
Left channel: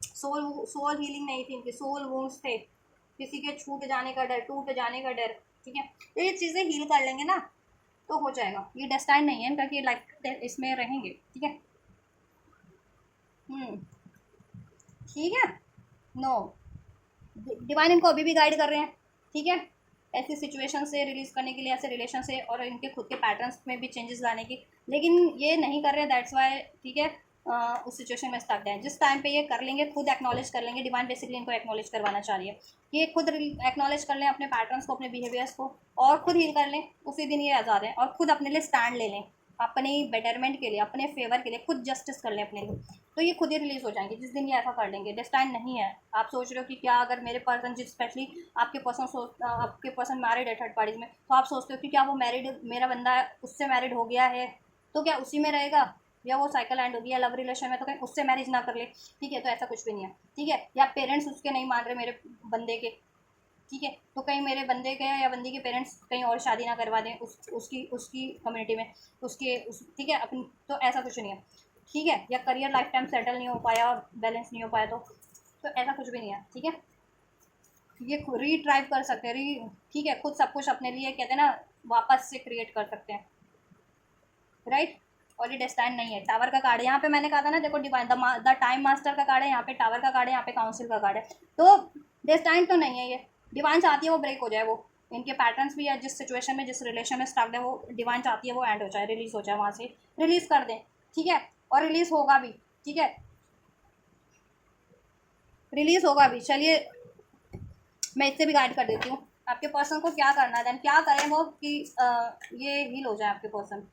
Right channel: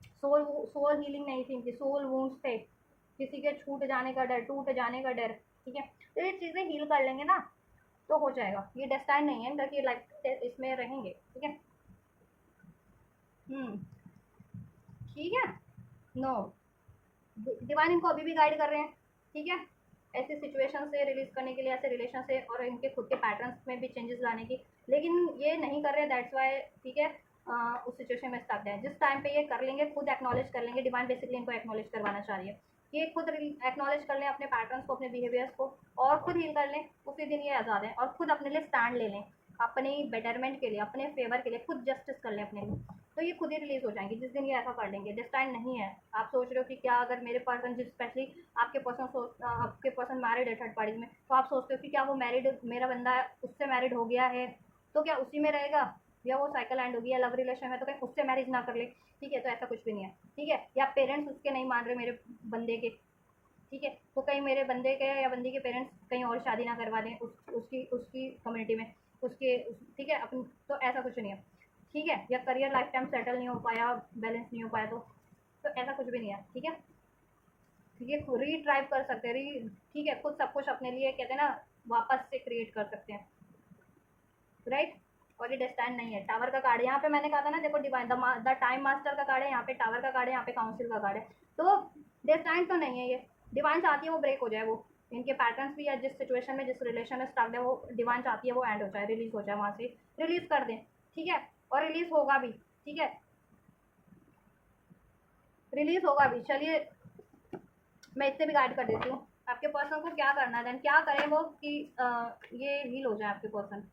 सोल सोल हीलिंग नहीं थी इनकी, सोल वूंड्स थे, किसी के छूट जाने का डर, टूट जाने का डर, ठीक है। तो ये चीज़ें हील कर लेंगे ना तो हो जाएगा। ये डेस्टाइन नहीं है इनका कि लाइफ इसमें रहेंगे, ठीक है। ठीक है, नो, डिवाइन इनको अभी भी गाइड कर रहे हैं, ठीक है, ऐसी सिचुएशन से रिलीज करने के लिए, ऐसे रिलेशन से, और इनके खुद के पैटर्न्स में भी चेंजेस लाने की, लेकिन ये नहीं कर रहे हैं, दैट्स वाई, ठीक है। उस सिचुएशन में स्टक है। जिस टाइम पे ये कर लेंगे, खुद एक्नॉलेज कर लेंगे, डिवाइन बेसिकली इनको एक्नॉलेज करवाना चाह रही है कि ये खुद एक्नॉलेज कर लें अपने पैटर्न्स को, अपने बिहेवियर्स को, और खुद हील कर लें, उसी दिन ये आज़ाद है। और खुद अपने लिए स्टैंड ले लें, अपनी बेटरमेंट के लिए, अपने फेवर के लिए खुद जस्टिस कर लें अपने लिए, तो ये खुद ही रिलीज हो जाएंगे जिस दिन ये ऐसा कर लेंगे। डिस्टाइन नहीं है। आप सोच रहे हो कि क्या अगर मेरे पर्सन, जिस स्पेशली आपके पर्सन मैरिड है थर्ड पार्टीज में, तो आप सोचते हो कि क्या वो मैरिड, मेरा बंदा उससे मैरिड हो गया है तो क्या उसी में रहेगा, या वो साइकिल एंड होगी, या लव रिलेशन में तो कहीं उससे मैरिज ना कर ले। ठीक है, तो ऐसा कुछ भी नहीं है। ठीक है, या पेरेंट्स उसके नहीं मान रहे मेरे बंदे के, ठीक है, तो कहीं मेरे बंदे के या बंदी के पेरेंट्स कहीं और शादी ना करवा दें उसकी कम्युनिटी में, ठीक है अपनी, तो ऐसा कुछ नहीं है। ठीक है, या करियर लाइफ टाइम सेटल नहीं हो पाया, बैलेंस नहीं हो पाया, तो ऐसा कुछ भी नहीं है। ठीक है, ये रीट्राइव कर सकते हैं, ठीक है, खुद सब कुछ अपने लिए कहते हैं ना वापस से क्रिएट कर सकते हैं, राइट। और ये डेस्टाइन नहीं है। टावर का कार्ड यहाँ पे मैंने कहा था ना, देखो डिवाइन द टाइम मास्टर का कार्ड है, यहाँ पे टावर का कार्ड है, यहाँ पे काउंसिल का कार्ड है, तो डेस्टाइन तो नहीं है ये। डिवाइन चाहती है वो ब्रेक हो जाए, वो इनके पैटर्न्स भी है, जिस सिचुएशन में, जिस रिलेशन में स्टक्ड है, वो डिवाइन चाहती है वो एंड हो जाए, रिलीज हो जाए, वहाँ से रिलीज कर दें। ठीक है, और रिलीज होगा भी। ठीक है, रिलीज होगा भी। चलिए मैं इससे भी गाइड कर देती हूँ आपके पर्सन को क्या करना है, क्या करें वो कि ये हील हो जाए आपके पर्सन।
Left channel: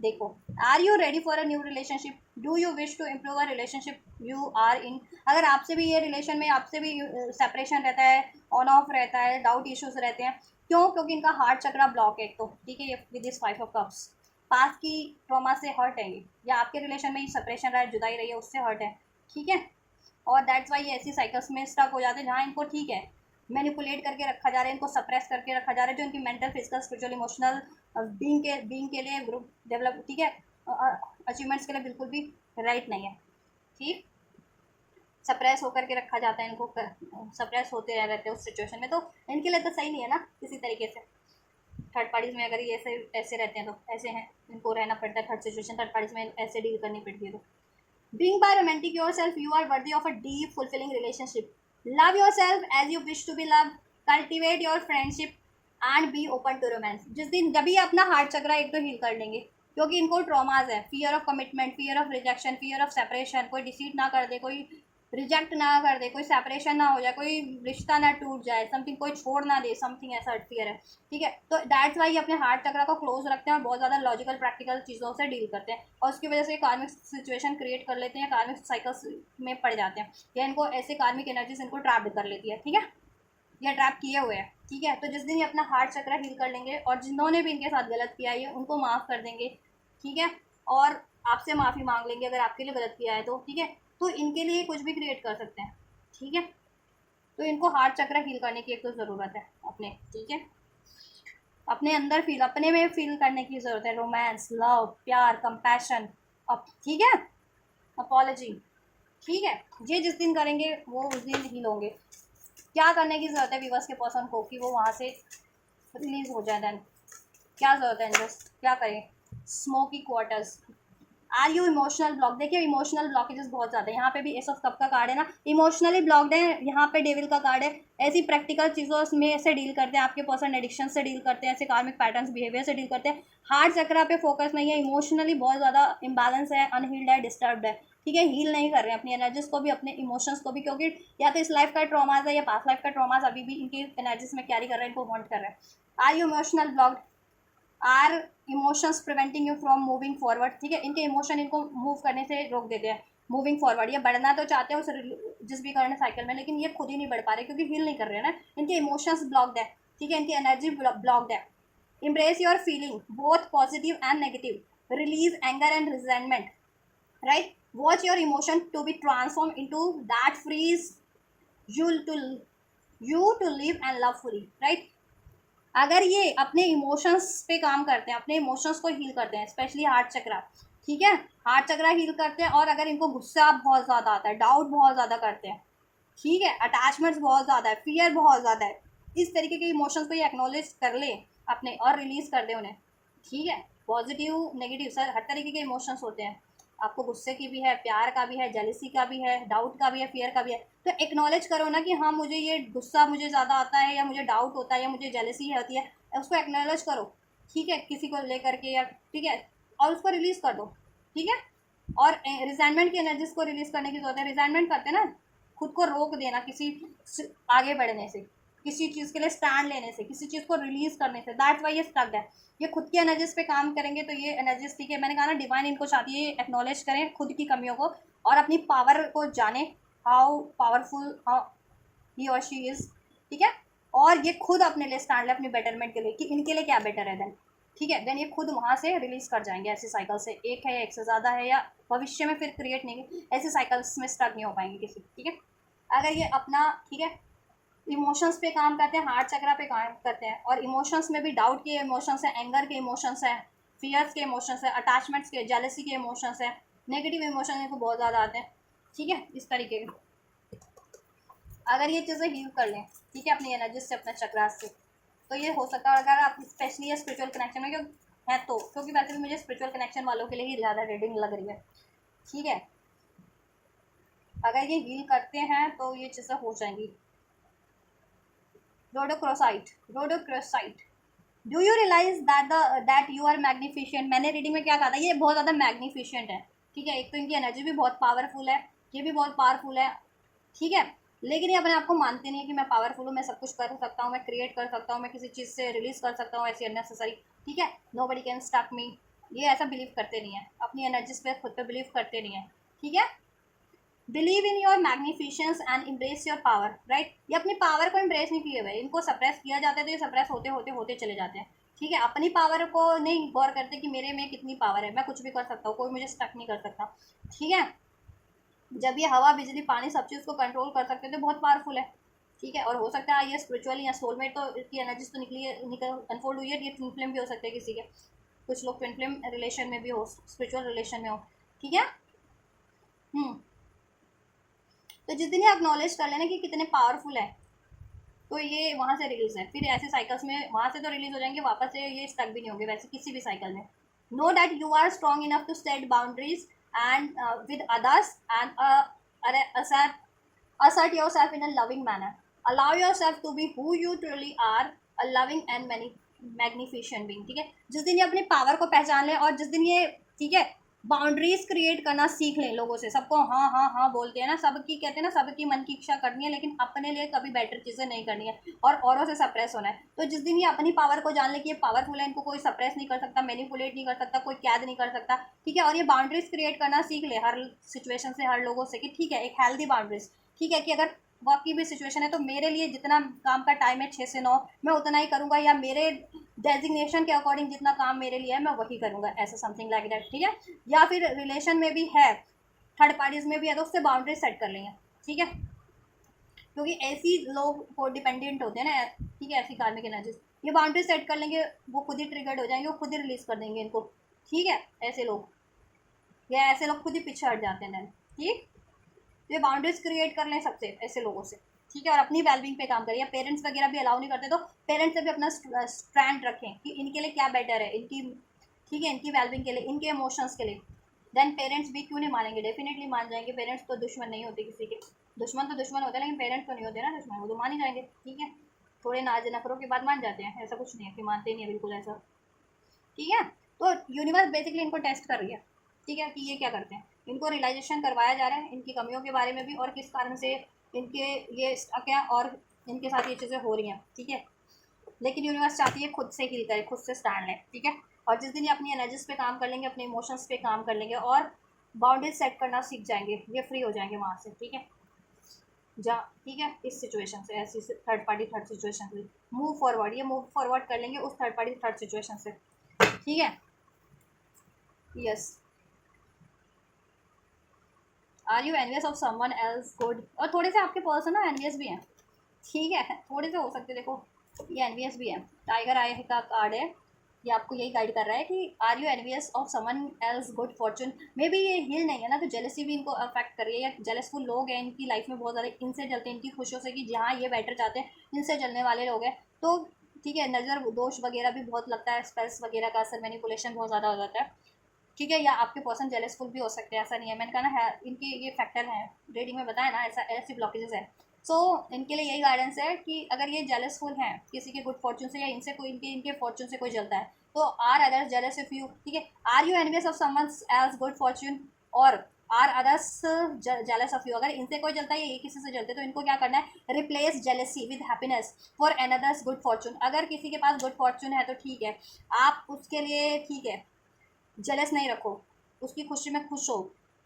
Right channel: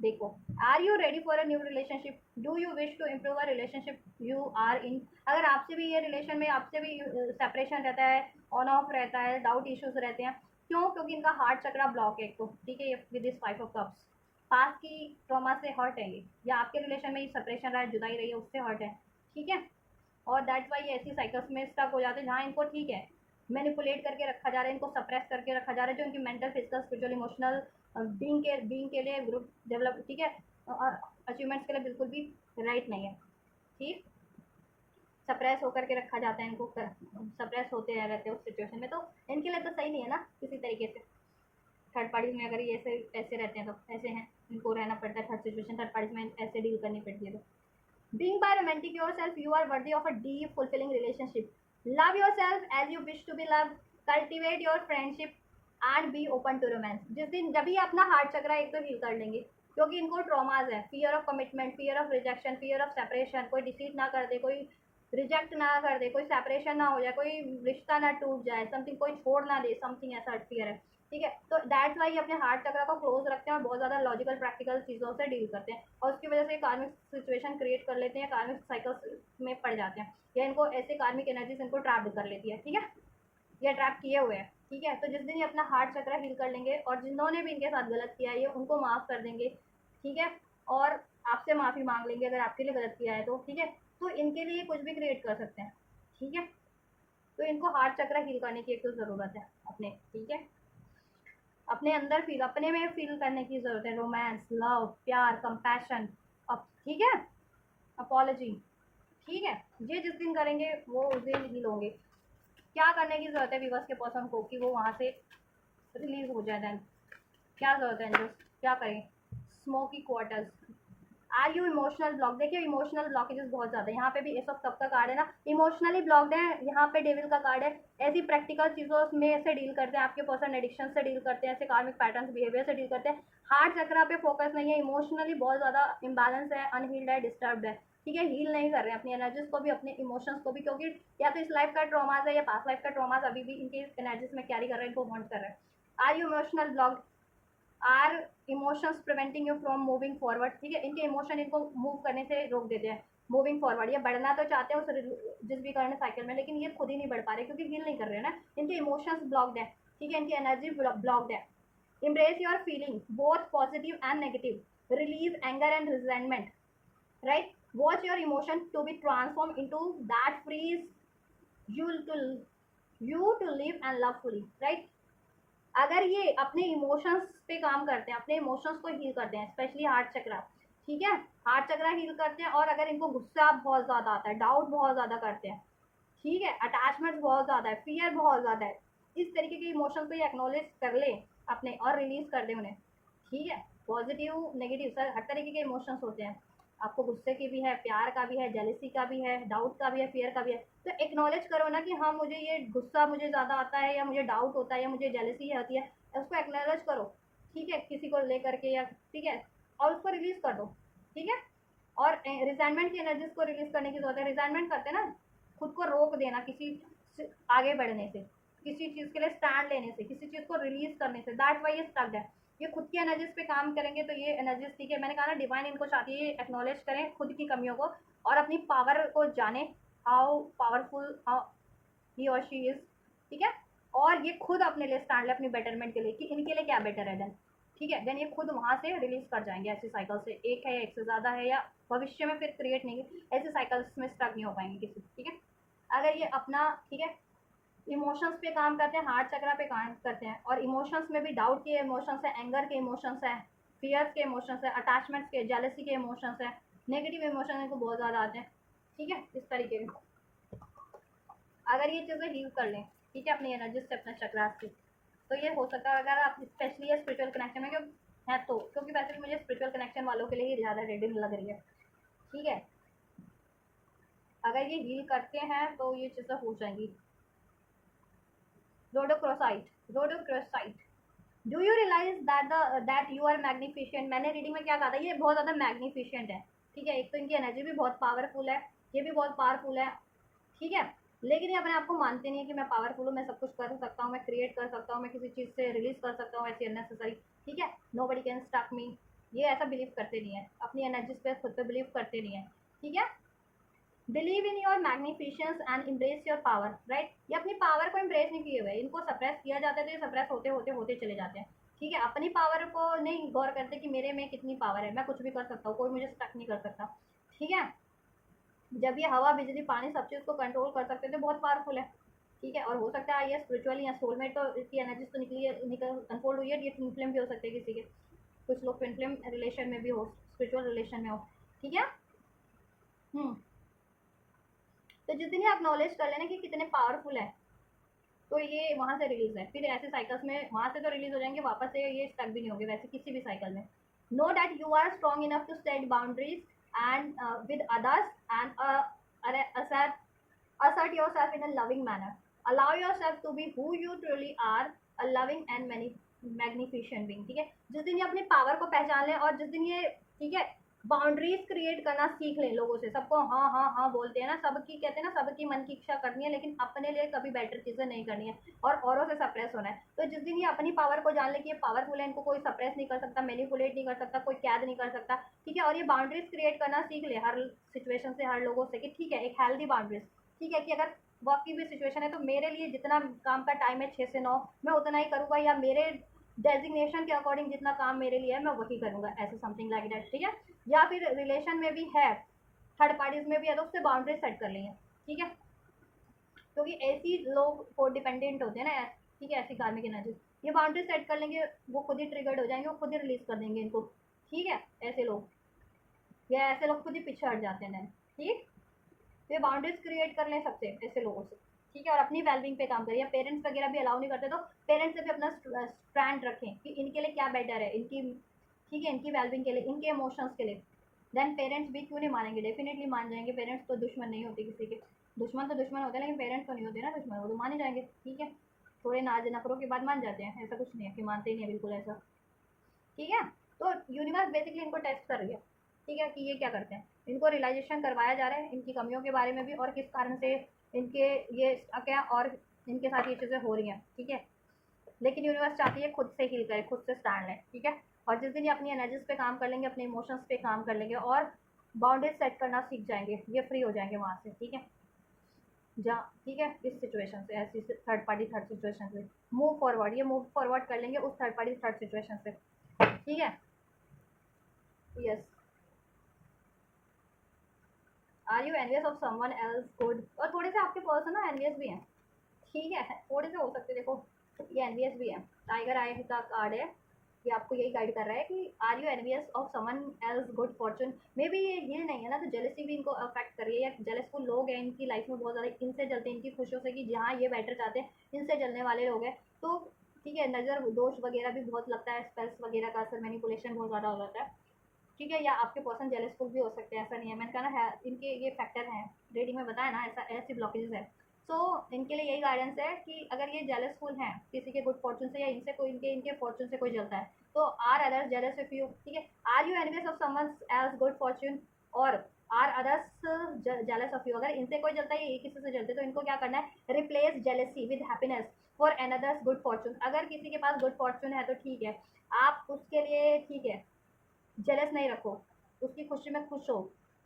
देखो, are you ready for a new relationship, do you wish to improve a relationship you are in. अगर आपसे भी ये रिलेशन में आपसे भी सेपरेशन रहता है, ऑन ऑफ रहता है, डाउट इश्यूज रहते हैं, क्यों? क्योंकि इनका हार्ट चक्रा ब्लॉक है एक तो। ठीक है, ये विद दिस 5 ऑफ कप्स पास की ट्रॉमा से हर्ट है ये, या आपके रिलेशन में सेपरेशन रहा है, जुदाई रही है, उससे हर्ट है। ठीक है, और दैट्स वाई ये ऐसी साइकिल्स में स्टक हो जाते हैं जहाँ इनको, ठीक है, मैनिपुलेट करके रखा जा रहा है, इनको सप्रेस करके रखा जा रहा है, जो इनकी mental, physical, spiritual, emotional being के लिए, ग्रुप डेवलप, ठीक है, अचीवमेंट्स के लिए बिल्कुल भी राइट नहीं है। ठीक, सप्रेस होकर के रखा जाता है इनको, सप्रेस होते रहते हैं उस सिचुएशन में, तो इनके लिए तो सही नहीं है ना किसी तरीके से। थर्ड पार्टीज में अगर ये ऐसे ऐसे रहते हैं तो ऐसे हैं, इनको रहना पड़ता है थर्ड सिचुएशन, थर्ड पार्टीज में ऐसे डील करनी पड़ती है। तो being by romantic yourself, you are worthy of a deep, fulfilling relationship. Love yourself as you wish to be loved. Cultivate your friendship and be open to romance. जिस दिन जब भी अपना हार्ट चक्रा एक तो हील कर लेंगे, क्योंकि इनको ट्रॉमाज है, fear of commitment, fear of rejection, fear of separation, कोई डिसीट ना कर दे, कोई रिजेक्ट ना कर दे, कोई सेपरेशन ना हो जाए, कोई रिश्ता ना टूट जाए, समथिंग कोई छोड़ ना दे, समथिंग ऐसा फियर है। ठीक है, तो दैट्स वाई अपने हार्ट चक्रा को क्लोज रखते हैं और बहुत ज़्यादा लॉजिकल प्रैक्टिकल चीज़ों से डील करते हैं, और उसकी वजह से कार्मिक सिचुएशन क्रिएट कर लेते हैं, कार्मिक साइकिल्स में पड़ जाते हैं, या इनको ऐसी कार्मिक एनर्जीज इनको ट्रैप कर लेती है। ठीक है, या ट्रैप किए हुए हैं। ठीक है, तो जिस दिन ये अपना हार्ट चक्रा हील कर लेंगे, और जिन्होंने भी इनके साथ गलत किया है उनको माफ़ कर देंगे। ठीक है, और आपसे माफ़ी मांग लेंगे अगर आपके लिए गलत किया है तो। ठीक है, तो इनके लिए कुछ भी क्रिएट कर सकते हैं। ठीक है, तो इनको हार्ट चक्र हील करने की एक तो ज़रूरत है अपने। ठीक है, अपने अंदर फील, अपने में फील करने की ज़रूरत है, रोमांस, लव, प्यार, कंपैशन। अब ठीक है, अपॉलॉजी। ठीक है, ये जिस दिन करेंगे वो उस दिन हील होंगे। क्या करने की ज़रूरत है व्यूअर्स के पर्सन को कि वो वहाँ से रिलीज हो जाए? देन क्या ज़रूरत है इनको, क्या करें? Smoky quarters. Are you emotional block? देखिए, इमोशनल ब्लॉकेजेस बहुत ज़्यादा है। यहाँ पे भी एस ऑफ कप का कार्ड है ना, इमोशनली ब्लॉक्ड है। यहाँ पे डेविल का कार्ड है। ऐसी प्रैक्टिकल चीज़ों में से डील करते हैं, आपके पर्सन एडिक्शन से डील करते हैं, ऐसे कार्मिक पैटर्न्स, बिहेवियर से डील करते हैं। हार्ट चक्रा पे फोकस नहीं है, इमोशनली बहुत ज़्यादा इम्बैलेंस है, अनहील्ड है, डिस्टर्ब्ड है। ठीक है, हील नहीं कर रहे हैं अपनी एनर्जीज को भी, अपने इमोशंस को भी, क्योंकि या तो इस लाइफ का ट्रॉमाज है या पास्ट लाइफ का ट्रॉमाज अभी भी इनकी एनर्जीज में कैरी कर रहे हैं, इनको वॉन्ट कर रहे हैं। Are you emotional blocked? Are emotions preventing you from moving forward? ठीक है, इनके इमोशन इनको मूव करने से रोक देते हैं, मूविंग फॉरवर्ड। ये बढ़ना तो चाहते हैं उस जिस भी करने साइकिल में, लेकिन ये खुद ही नहीं बढ़ पा रहे क्योंकि हील नहीं कर रहे हैं ना, इनके इमोशंस ब्लॉक्ड है। ठीक है, इनकी एनर्जी ब्लॉक्ड है। embrace your feeling both positive and negative, release anger and resentment, right? Watch your emotion to be transformed into that frees you to live and love fully, right? अगर ये अपने emotions पे काम करते हैं, अपने emotions को हील करते हैं, स्पेशली हार्ट चक्रा। ठीक है, हार्ट चक्रा हील करते हैं, और अगर इनको गुस्सा बहुत ज़्यादा आता है, डाउट बहुत ज़्यादा करते हैं, ठीक है, अटैचमेंट्स बहुत ज़्यादा है, फियर बहुत ज़्यादा है, इस तरीके के इमोशंस को ये एक्नॉलेज कर ले अपने और रिलीज कर दे उन्हें। ठीक है, पॉजिटिव, नेगेटिव, सर हर तरीके के इमोशंस होते हैं। आपको गुस्से की भी है, प्यार का भी है, जेलिसी का भी है, डाउट का भी है, फियर का भी है। तो एक्नॉलेज करो ना कि हाँ, मुझे ये गुस्सा मुझे ज़्यादा आता है, या मुझे डाउट होता है, या मुझे जेलिसी होती है, उसको एक्नॉलेज करो। ठीक है, किसी को लेकर के, या ठीक है, और उसको रिलीज़ कर दो। ठीक है, और रिजाइनमेंट की एनर्जीज को रिलीज करने की जरूरत है। रिजाइनमेंट करते हैं ना, खुद को रोक देना किसी आगे बढ़ने से, किसी चीज़ के लिए स्टैंड लेने से, किसी चीज़ को रिलीज करने से। दैट्स वाई ये स्टक्ड है। ये खुद की एनर्जीज पे काम करेंगे तो ये एनर्जीज, ठीक है, मैंने कहा ना डिवाइन इनको चाहती है एक्नॉलेज करें खुद की कमियों को और अपनी पावर को जाने, हाउ पावरफुल ही और शी इज, ठीक है। और ये खुद अपने लिए स्टैंड ले अपनी बेटरमेंट के लिए कि इनके लिए क्या बेटर है। देन ठीक है, देन ये खुद वहाँ से रिलीज कर जाएंगे ऐसे साइकिल से, एक है या एक से ज़्यादा है या भविष्य में फिर क्रिएट नहीं, ऐसे साइकिल्स में स्टक नहीं हो पाएंगे किसी, ठीक है। अगर ये अपना, ठीक है, इमोशंस पे काम करते हैं, हार्ट चक्रा पे काम करते हैं, और इमोशंस में भी डाउट के इमोशंस है, एंगर के इमोशंस है, फियर्स के इमोशंस है, अटैचमेंट्स के, जेलसी के इमोशंस है, नेगेटिव इमोशन इनको बहुत ज़्यादा आते हैं, ठीक है, इस तरीके के। अगर ये चीज़ें हील कर लें, ठीक है, अपनी एनर्जी से, अपने चक्रास से, तो ये हो सकता है। अगर आप स्पेशली ये स्पिरिचुअल कनेक्शन में है तो, क्योंकि वैसे भी मुझे स्पिरिचुअल कनेक्शन वालों के लिए ही ज़्यादा रीडिंग लग रही है, ठीक है। अगर ये हील करते हैं तो ये चीज़ें हो जाएंगी। Rhodochrosite, rhodochrosite, do you realize that you are magnificent. मैंने रीडिंग में क्या कहा था, ये बहुत ज़्यादा मैग्निफिशियंट है, ठीक है। एक तो इनकी एनर्जी भी बहुत पावरफुल है, ये भी बहुत पावरफुल है, ठीक है। लेकिन ये अपने आप को मानते नहीं है कि मैं पावरफुल हूँ, मैं सब कुछ कर सकता हूँ, मैं क्रिएट कर सकता हूँ, मैं किसी चीज़ से रिलीज कर सकता हूँ ऐसी अननेसेसरी, ठीक है। Nobody can stop me, ये ऐसा बिलीव करते नहीं है, अपनी एनर्जीज पे खुद पे बिलीव करते नहीं है, ठीक है। Believe in your magnificence and embrace your power, right. ये अपनी पावर को इम्ब्रेस नहीं किए हुए, इनको सप्रेस किया जाता है तो ये सप्रेस होते होते होते चले जाते हैं, ठीक है। अपनी पावर को नहीं गौर करते कि मेरे में कितनी पावर है, मैं कुछ भी कर सकता हूँ, कोई मुझे स्टक नहीं कर सकता, ठीक है। जब ये हवा बिजली पानी सब चीज़ को कंट्रोल कर सकते हैं तो बहुत पावरफुल है, ठीक है। और हो सकता है ये स्पिरिचुअली या सोलमेट तो इसकी एनर्जीज तो निकली है, निकल अनफोल्ड हुई है, ये ट्विन फ्लेम भी हो सकते हैं किसी के, कुछ लोग ट्विन फ्लेम रिलेशन में भी हो, स्पिरिचुअल रिलेशन में हो, ठीक है। हम्म। तो जिस दिन ये एक्नॉलेज कर लेना कि कितने पावरफुल है, तो ये वहाँ से रिलीज है, फिर ऐसे साइकिल्स में वहाँ से तो रिलीज हो जाएंगे, वापस से ये स्टक भी नहीं होंगे वैसे किसी भी साइकिल में। Know that you are strong enough to set boundaries and with others and assert yourself in a loving manner. Allow yourself to be who you truly are, a loving and many magnificent being, ठीक है। जिस दिन ये अपनी power को पहचान लें और जिस दिन ये, ठीक है, बाउंड्रीज क्रिएट करना सीख लें लोगों से, सबको हाँ हाँ हाँ बोलते हैं ना, सबकी कहते हैं ना, सबकी मन की इच्छा करनी है लेकिन अपने लिए कभी बेटर चीज़ें नहीं करनी है और औरों से सप्रेस होना है। तो जिस दिन ये अपनी पावर को जान ले कि ये पावरफुल है, इनको कोई सप्रेस नहीं कर सकता, मैनिपुलेट नहीं कर सकता, कोई कैद नहीं कर सकता, ठीक है। और ये बाउंड्रीज क्रिएट करना सीख ले हर सिचुएशन से, हर लोगों से, कि ठीक है, एक हेल्दी बाउंड्रीज, ठीक है, कि अगर वर्क की भी सिचुएशन है तो मेरे लिए जितना काम का टाइम है 6 से 9 मैं उतना ही करूँगा, या मेरे डेजिग्नेशन के अकॉर्डिंग जितना काम मेरे लिए है मैं वही करूँगा, ऐसा समथिंग लाइक दैट, ठीक है। या फिर रिलेशन में भी है, थर्ड पार्टीज में भी है, तो उससे बाउंड्री सेट कर लेंगे, ठीक है। क्योंकि ऐसी लोग को डिपेंडेंट होते हैं ना, ठीक है, ऐसी कार्मिक एनर्जीज, ये बाउंड्री सेट कर लेंगे, वो खुद ही ट्रिगर्ड हो जाएंगे, वो खुद ही रिलीज कर देंगे इनको, ठीक है। ऐसे लोग, या ऐसे लोग खुद ही पीछे हट जाते हैं, ठीक। तो ये बाउंड्रीज क्रिएट कर लें सबसे, ऐसे लोगों से, ठीक है। और अपनी वेलबिंग पे काम करें, या पेरेंट्स वगैरह भी अलाउ नहीं करते तो पेरेंट्स से भी अपना स्टैंड रखें कि इनके लिए क्या बेटर है, इनकी, ठीक है, इनकी वेलबिंग के लिए, इनके इमोशंस के लिए। देन पेरेंट्स भी क्यों नहीं मानेंगे, डेफिनेटली मान जाएंगे। पेरेंट्स तो दुश्मन नहीं होते किसी के, दुश्मन तो दुश्मन होते हैं लेकिन पेरेंट्स तो नहीं होते ना दुश्मन, वो तो मान ही जाएंगे, ठीक है। थोड़े नाज नखरों के बाद मान जाते हैं, ऐसा कुछ नहीं है कि मानते नहीं है बिल्कुल ऐसा, ठीक है। तो यूनिवर्स बेसिकली इनको टेस्ट कर रही है, ठीक है, कि ये क्या करते हैं, इनको रियलाइजेशन करवाया जा रहा है इनकी कमियों के बारे में भी, और किस कारण से इनके ये स्टक है और इनके साथ ये चीज़ें हो रही हैं, ठीक है। लेकिन यूनिवर्स चाहती है खुद से हील करे, खुद से स्टैंड लें, ठीक है। और जिस दिन ये अपनी एनर्जीज पे काम कर लेंगे, अपने इमोशंस पे काम कर लेंगे और बाउंड्रीज सेट करना सीख जाएंगे, ये फ्री हो जाएंगे वहाँ से, ठीक है। जा, ठीक है, इस सिचुएशन से, ऐसी थर्ड पार्टी थर्ड सिचुएशन से मूव फॉरवर्ड, ये मूव फॉरवर्ड कर लेंगे उस थर्ड पार्टी थर्ड सिचुएशन से, ठीक है। Yes. Are you envious of someone else good, और थोड़े से आपके पर्सन ना एनवियस भी हैं, ठीक है, थोड़े से हो सकते हैं। देखो ये एनवियस भी है, टाइगर आई का कार्ड है, ये आपको यही गाइड कर रहा है कि are you envious of someone else good fortune. Maybe ये हील नहीं है ना, तो जेलसी भी इनको अफेक्ट कर रही है, या जेलसफुल लोग हैं इनकी लाइफ में बहुत ज़्यादा, इनसे जलते हैं, इनकी खुशियों से, कि जहाँ ये बेटर चाहते हैं इनसे जलने वाले लोग हैं, तो ठीक है। नज़र दोष वगैरह भी बहुत लगता है, स्पेस वगैरह का असर, मैनिपुलेशन बहुत ज़्यादा हो जाता है, ठीक है। या आपके पर्सन जेलसफुल भी हो सकते हैं, ऐसा नहीं है, मैंने कहा ना है इनके ये फैक्टर हैं, रीडिंग में बताया ना, ऐसा ऐसी ब्लॉकेजेस हैं। सो इनके लिए यही गाइडेंस है कि अगर ये जेलसफुल हैं किसी के गुड फॉर्चून से, या इनसे कोई, इनके इनके फॉर्चून से कोई जलता है, तो are other jealous if you, ठीक है। Are you envious of someone else good fortune, और are others jealous of you, अगर इनसे कोई जलता है, ये किसी से जलते, तो इनको क्या करना है, replace jealousy with happiness for another's good Fortune. अगर किसी के पास गुड फॉर्चून है तो ठीक है, आप उसके लिए ठीक है जेलस नहीं रखो, उसकी खुशी में खुश हो,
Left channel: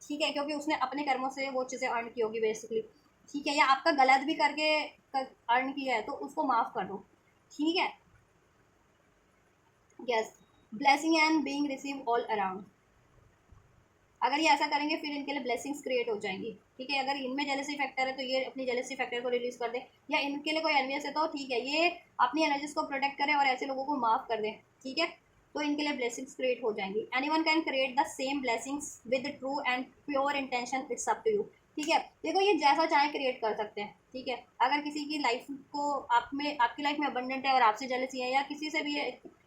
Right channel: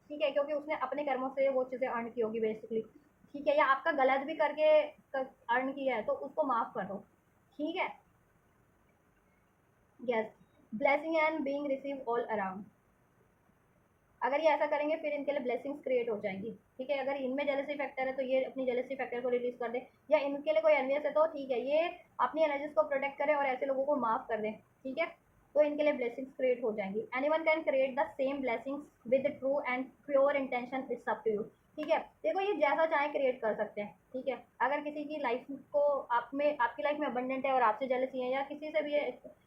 ठीक है, क्योंकि उसने अपने कर्मों से वो चीज़ें अर्न की होगी बेसिकली, ठीक है, या आपका गलत भी करके अर्न किया है तो उसको माफ़ कर दो, ठीक है। Yes, blessing and being receive all around, अगर ये ऐसा करेंगे फिर इनके लिए ब्लेसिंग्स क्रिएट हो जाएंगी, ठीक है। अगर इनमें जेलसी फैक्टर है तो ये अपनी जेलसी फैक्टर को रिलीज कर दे, या इनके लिए कोई एनवियस है तो ठीक है, ये अपनी एनर्जीज को प्रोटेक्ट करे और ऐसे लोगों को माफ कर दे, ठीक है, तो इनके लिए ब्लेसिंग्स क्रिएट हो जाएंगी। Anyone can create the same blessings with true and pure intention, it's up to you, ठीक है। देखो ये जैसा चाहे क्रिएट कर सकते हैं, ठीक है। अगर किसी की लाइफ को आप में, आपकी लाइफ में अबंडेंट है और आपसे जेलसी है, या किसी से भी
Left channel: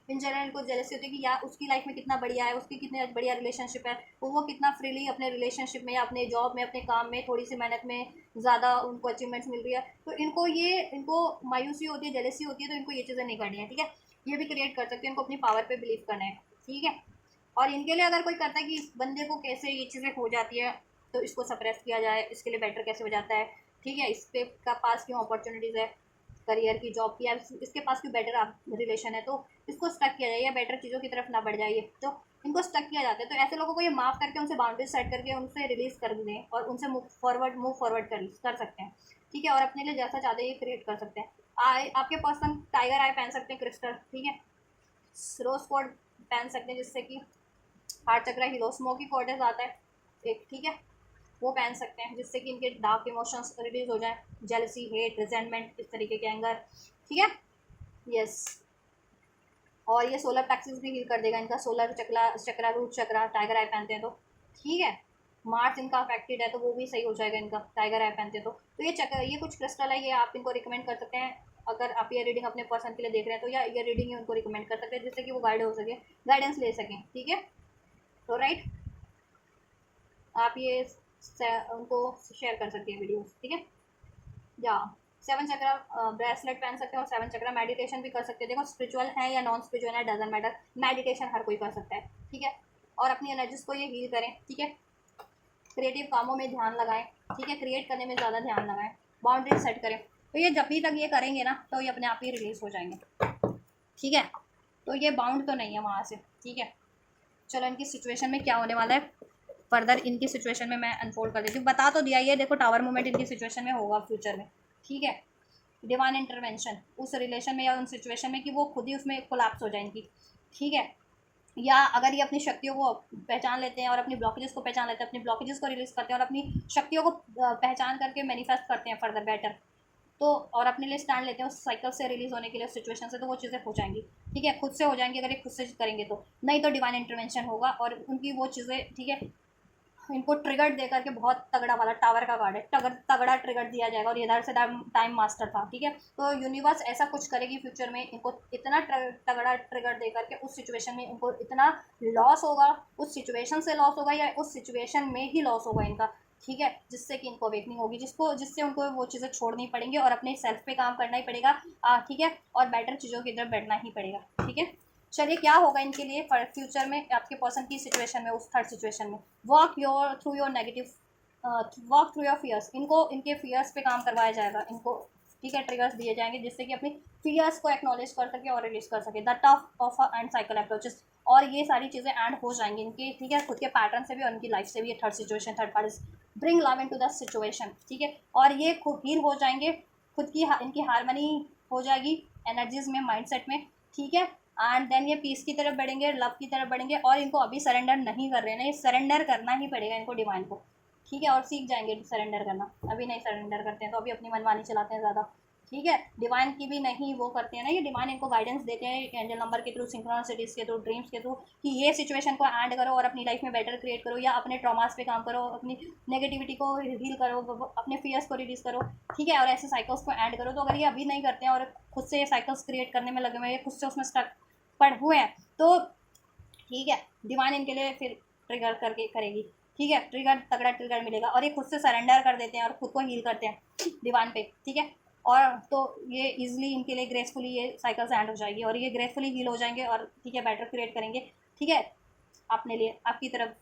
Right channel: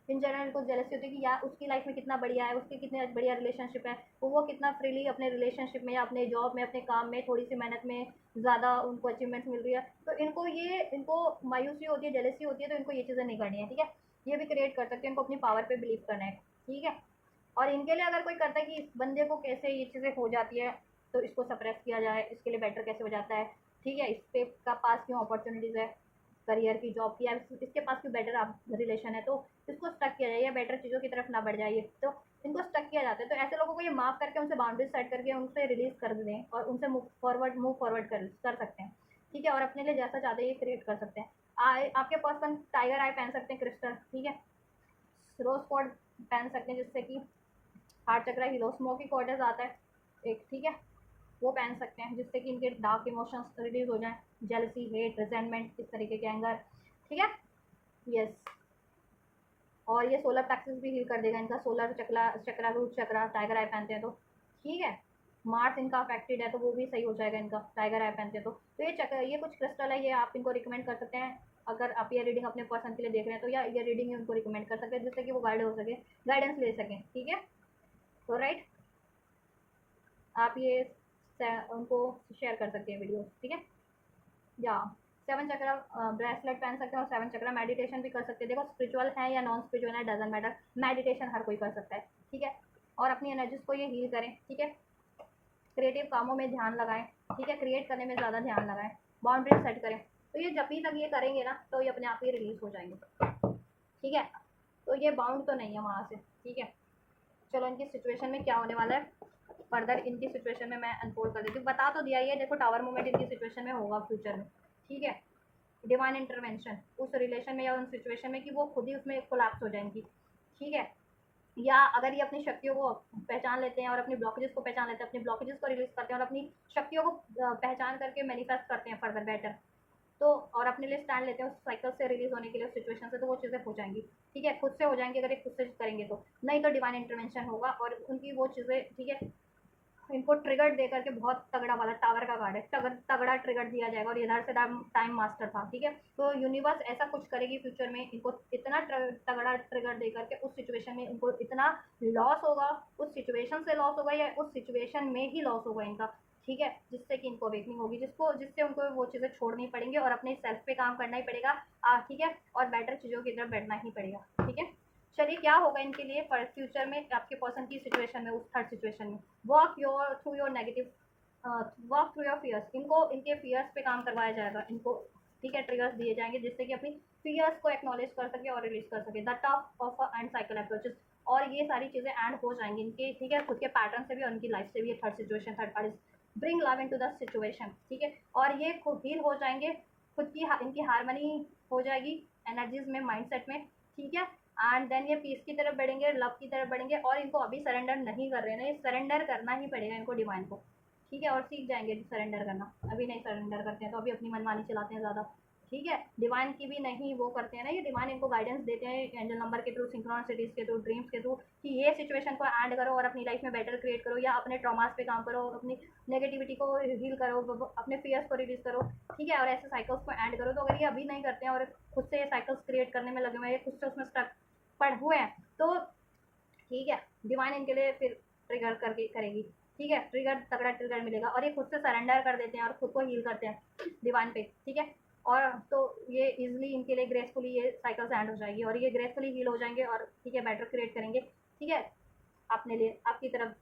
इन जनरल को जेलसी होती है कि या उसकी लाइफ में कितना बढ़िया है, उसकी कितने बढ़िया रिलेशनशिप है, वो कितना फ्रीली अपने रिलेशनशिप में या अपने जॉब में, अपने काम में थोड़ी सी मेहनत में ज़्यादा उनको अचीवमेंट्स मिल रही है, तो इनको मायूसी होती है, जेलसी होती है, तो इनको ये चीज़ें नहीं करनी है, ठीक है। ये भी क्रिएट कर सकते हैं, इनको अपनी पावर पे बिलीव करना है, ठीक है। और इनके लिए अगर कोई करता है कि इस बंदे को कैसे ये चीज़ें हो जाती है तो इसको सप्रेस किया जाए, इसके लिए बेटर कैसे हो जाता है, ठीक है, इस पे का पास क्यों अपॉर्चुनिटीज़ है करियर की, जॉब की, या इसके पास क्यों बेटर आप रिलेशन है, तो इसको स्टक किया जाए या बेटर चीज़ों की तरफ ना बढ़ जाइए, तो इनको स्टक किया जाता है। तो ऐसे लोगों को ये माफ़ करके उनसे बाउंड्रीज सेट करके उनसे रिलीज कर दें और उनसे मूव फॉरवर्ड कर सकते हैं, ठीक है। और अपने लिए जैसा चाहते हैं ये क्रिएट कर सकते हैं। आपके पर्सन टाइगर आई पहन सकते हैं क्रिस्टल, ठीक है, रोज कोड पहन सकते हैं जिससे कि हार्ट चक्र हीरो स्मोकी कॉर्डेज आता है एक, ठीक है, वो पहन सकते हैं जिससे कि इनके डार्क इमोशंस रिलीज हो जाएं, जेलसी, हेट, रिजेंटमेंट, इस तरीके के एंगर, ठीक है। यस, और ये सोलर प्लेक्सिस भी हील कर देगा इनका, सोलर चक्रा रूट चक्रा टाइगर आई पहनते हैं तो, ठीक है। मार्स इनका अफेक्टेड है तो वो भी सही हो जाएगा इनका, टाइगर आई पहनते हैं तो ये चक्र, ये कुछ क्रिस्टल है, ये आप इनको रिकमेंड कर सकते हैं। अगर आप ये रीडिंग अपने पर्सन के लिए देख रहे हैं तो या ये रीडिंग ही उनको रिकमेंड कर सकते हैं जिससे कि वो गाइड हो सके, गाइडेंस ले सकें, ठीक है। तो राइट, आप ये उनको शेयर कर सकते हैं वीडियोस, ठीक है। या 7 चक्रा ब्रेसलेट पहन सकते हैं और 7 चक्रा मेडिटेशन भी कर सकते हैं। देखो स्पिरिचुअल है या नॉन स्पिरिचुअल है डजेंट मैटर, मेडिटेशन हर कोई कर सकता है, ठीक है। और अपनी एनर्जीज को ये हील करें, ठीक है। क्रिएटिव कामों में ध्यान लगाएं, ठीक है, क्रिएट करने में ज़्यादा ध्यान लगाएं, बाउंड्री सेट करें, तो ये जब भी तक ये करेंगे ना तो ये अपने आप ही रिलीज हो जाएंगे, ठीक है। तो ये बाउंड तो नहीं है वहाँ से, ठीक है। चलो इनकी सिचुएशन में क्या होने वाला है फर्दर, इनकी सिचुएशन में मैं अनफोल्ड कर देती हूँ, बता तो दिया ये, देखो टावर मूवमेंट इनकी सिचुएशन में होगा फ्यूचर में, ठीक है। डिवाइन इंटरवेंशन उस रिलेशन में या उन सिचुएशन में कि वो खुद ही उसमें कोलैप्स हो जाए इनकी, ठीक है। या अगर ये अपनी शक्तियों को पहचान लेते हैं और अपनी ब्लॉकेजेस को पहचान लेते हैं, अपनी ब्लॉकेजेस को रिलीज करते हैं और अपनी शक्तियों को पहचान करके मैनिफेस्ट करते हैं फर्दर बेटर, तो और अपने लिए स्टैंड लेते हैं उस साइकिल से रिलीज होने के लिए, उस सिचुएशन से, तो वो चीज़ें हो जाएंगी, ठीक है, खुद से हो जाएंगी अगर ये खुद से करेंगे तो, नहीं तो डिवाइन इंटरवेंशन होगा और उनकी वो चीज़ें, ठीक है, इनको ट्रिगर दे करके बहुत तगड़ा वाला टावर का कार्ड है, तगड़ा ट्रिगर दिया जाएगा और इधर से टाइम मास्टर था, ठीक है। तो यूनिवर्स ऐसा कुछ करेगी फ्यूचर में, इनको इतना तगड़ा ट्रिगर दे करके उस सिचुएशन में इनको इतना लॉस होगा, उस सिचुएशन से लॉस होगा या उस सिचुएशन में ही लॉस होगा इनका, ठीक है, जिससे कि इनको अवेकनिंग होगी, जिससे उनको वो चीज़ें छोड़नी पड़ेंगी और अपने सेल्फ पे काम करना ही पड़ेगा, ठीक है, और बेटर चीज़ों की तरफ बैठना ही पड़ेगा, ठीक है। चलिए क्या होगा इनके लिए फ्यूचर में आपके पर्सन की सिचुएशन में, उस थर्ड सिचुएशन में, walk your through your negative, walk through your fears, इनको इनके फियर्स पे काम करवाया जाएगा इनको, ठीक है, ट्रिगर्स दिए जाएंगे जिससे कि अपनी फियर्स को एक्नॉलेज कर सके और रिलीज कर सके, the tough of and cycle approaches, और ये सारी चीज़ें एंड हो जाएंगी इनके, ठीक है, खुद के पैटर्न से भी और उनकी लाइफ से भी, ये third situation, third party bring love into the situation, ठीक है, और ये खुद हील हो जाएंगे, खुद की इनकी हारमनी हो जाएगी एनर्जीज में, माइंडसेट में, ठीक है। एंड देन ये पीस की तरफ बढ़ेंगे, लव की तरफ बढ़ेंगे, और इनको अभी सरेंडर नहीं कर रहे हैं ना, ये सरेंडर करना ही पड़ेगा इनको डिवाइन को, ठीक है, और सीख जाएंगे सरेंडर करना, अभी नहीं सरेंडर करते हैं तो अभी अपनी मनमानी चलाते हैं ज़्यादा, ठीक है। डिवाइन की भी नहीं वो करते हैं ना, ये डिवाइन इनको गाइडेंस देते हैं एंजल नंबर के थ्रू, सिंक्रोनिसिटीज़ के थ्रू, ड्रीम्स के थ्रू, कि ये सिचुएशन को एंड करो और अपनी लाइफ में बेटर क्रिएट करो, या अपने ट्रॉमास पे काम करो, अपनी नेगेटिविटी को हील करो, अपने फियर्स को रिलीज करो, ठीक है, और ऐसे साइकिल्स को एंड करो। तो अगर ये अभी नहीं करते हैं और खुद से ये साइकिल्स क्रिएट करने में लगे हुए हैं, खुद से उसमें स्टक पड़ हुए हैं, तो ठीक है, डिवाइन इनके लिए फिर ट्रिगर करके करेगी, ठीक है, ट्रिगर तगड़ा ट्रिगर मिलेगा, और ये खुद से सरेंडर कर देते हैं और खुद को हील करते हैं डिवाइन पे, ठीक है। और तो ये इजीली इनके लिए ग्रेसफुली ये साइकिल एंड हो जाएगी और ये ग्रेसफुली हील हो जाएंगे और ठीक है बेटर क्रिएट करेंगे, ठीक है, अपने लिए, आपकी तरफ,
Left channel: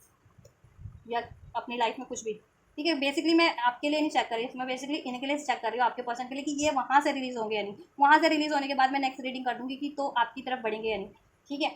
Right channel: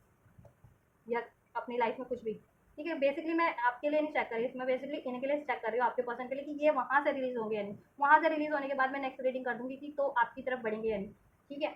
या अपनी लाइफ में कुछ भी, ठीक है। बेसिकली मैं आपके लिए नहीं चेक कर रही, मैं बेसिकली इनके लिए चेक कर रही हूँ, आपके पर्सन के लिए, कि ये वहाँ से रिलीज होंगे या नहीं। वहाँ से रिलीज होने के बाद मैं नेक्स्ट रीडिंग कर दूँगी कि तो आपकी तरफ बढ़ेंगे या नहीं, ठीक है।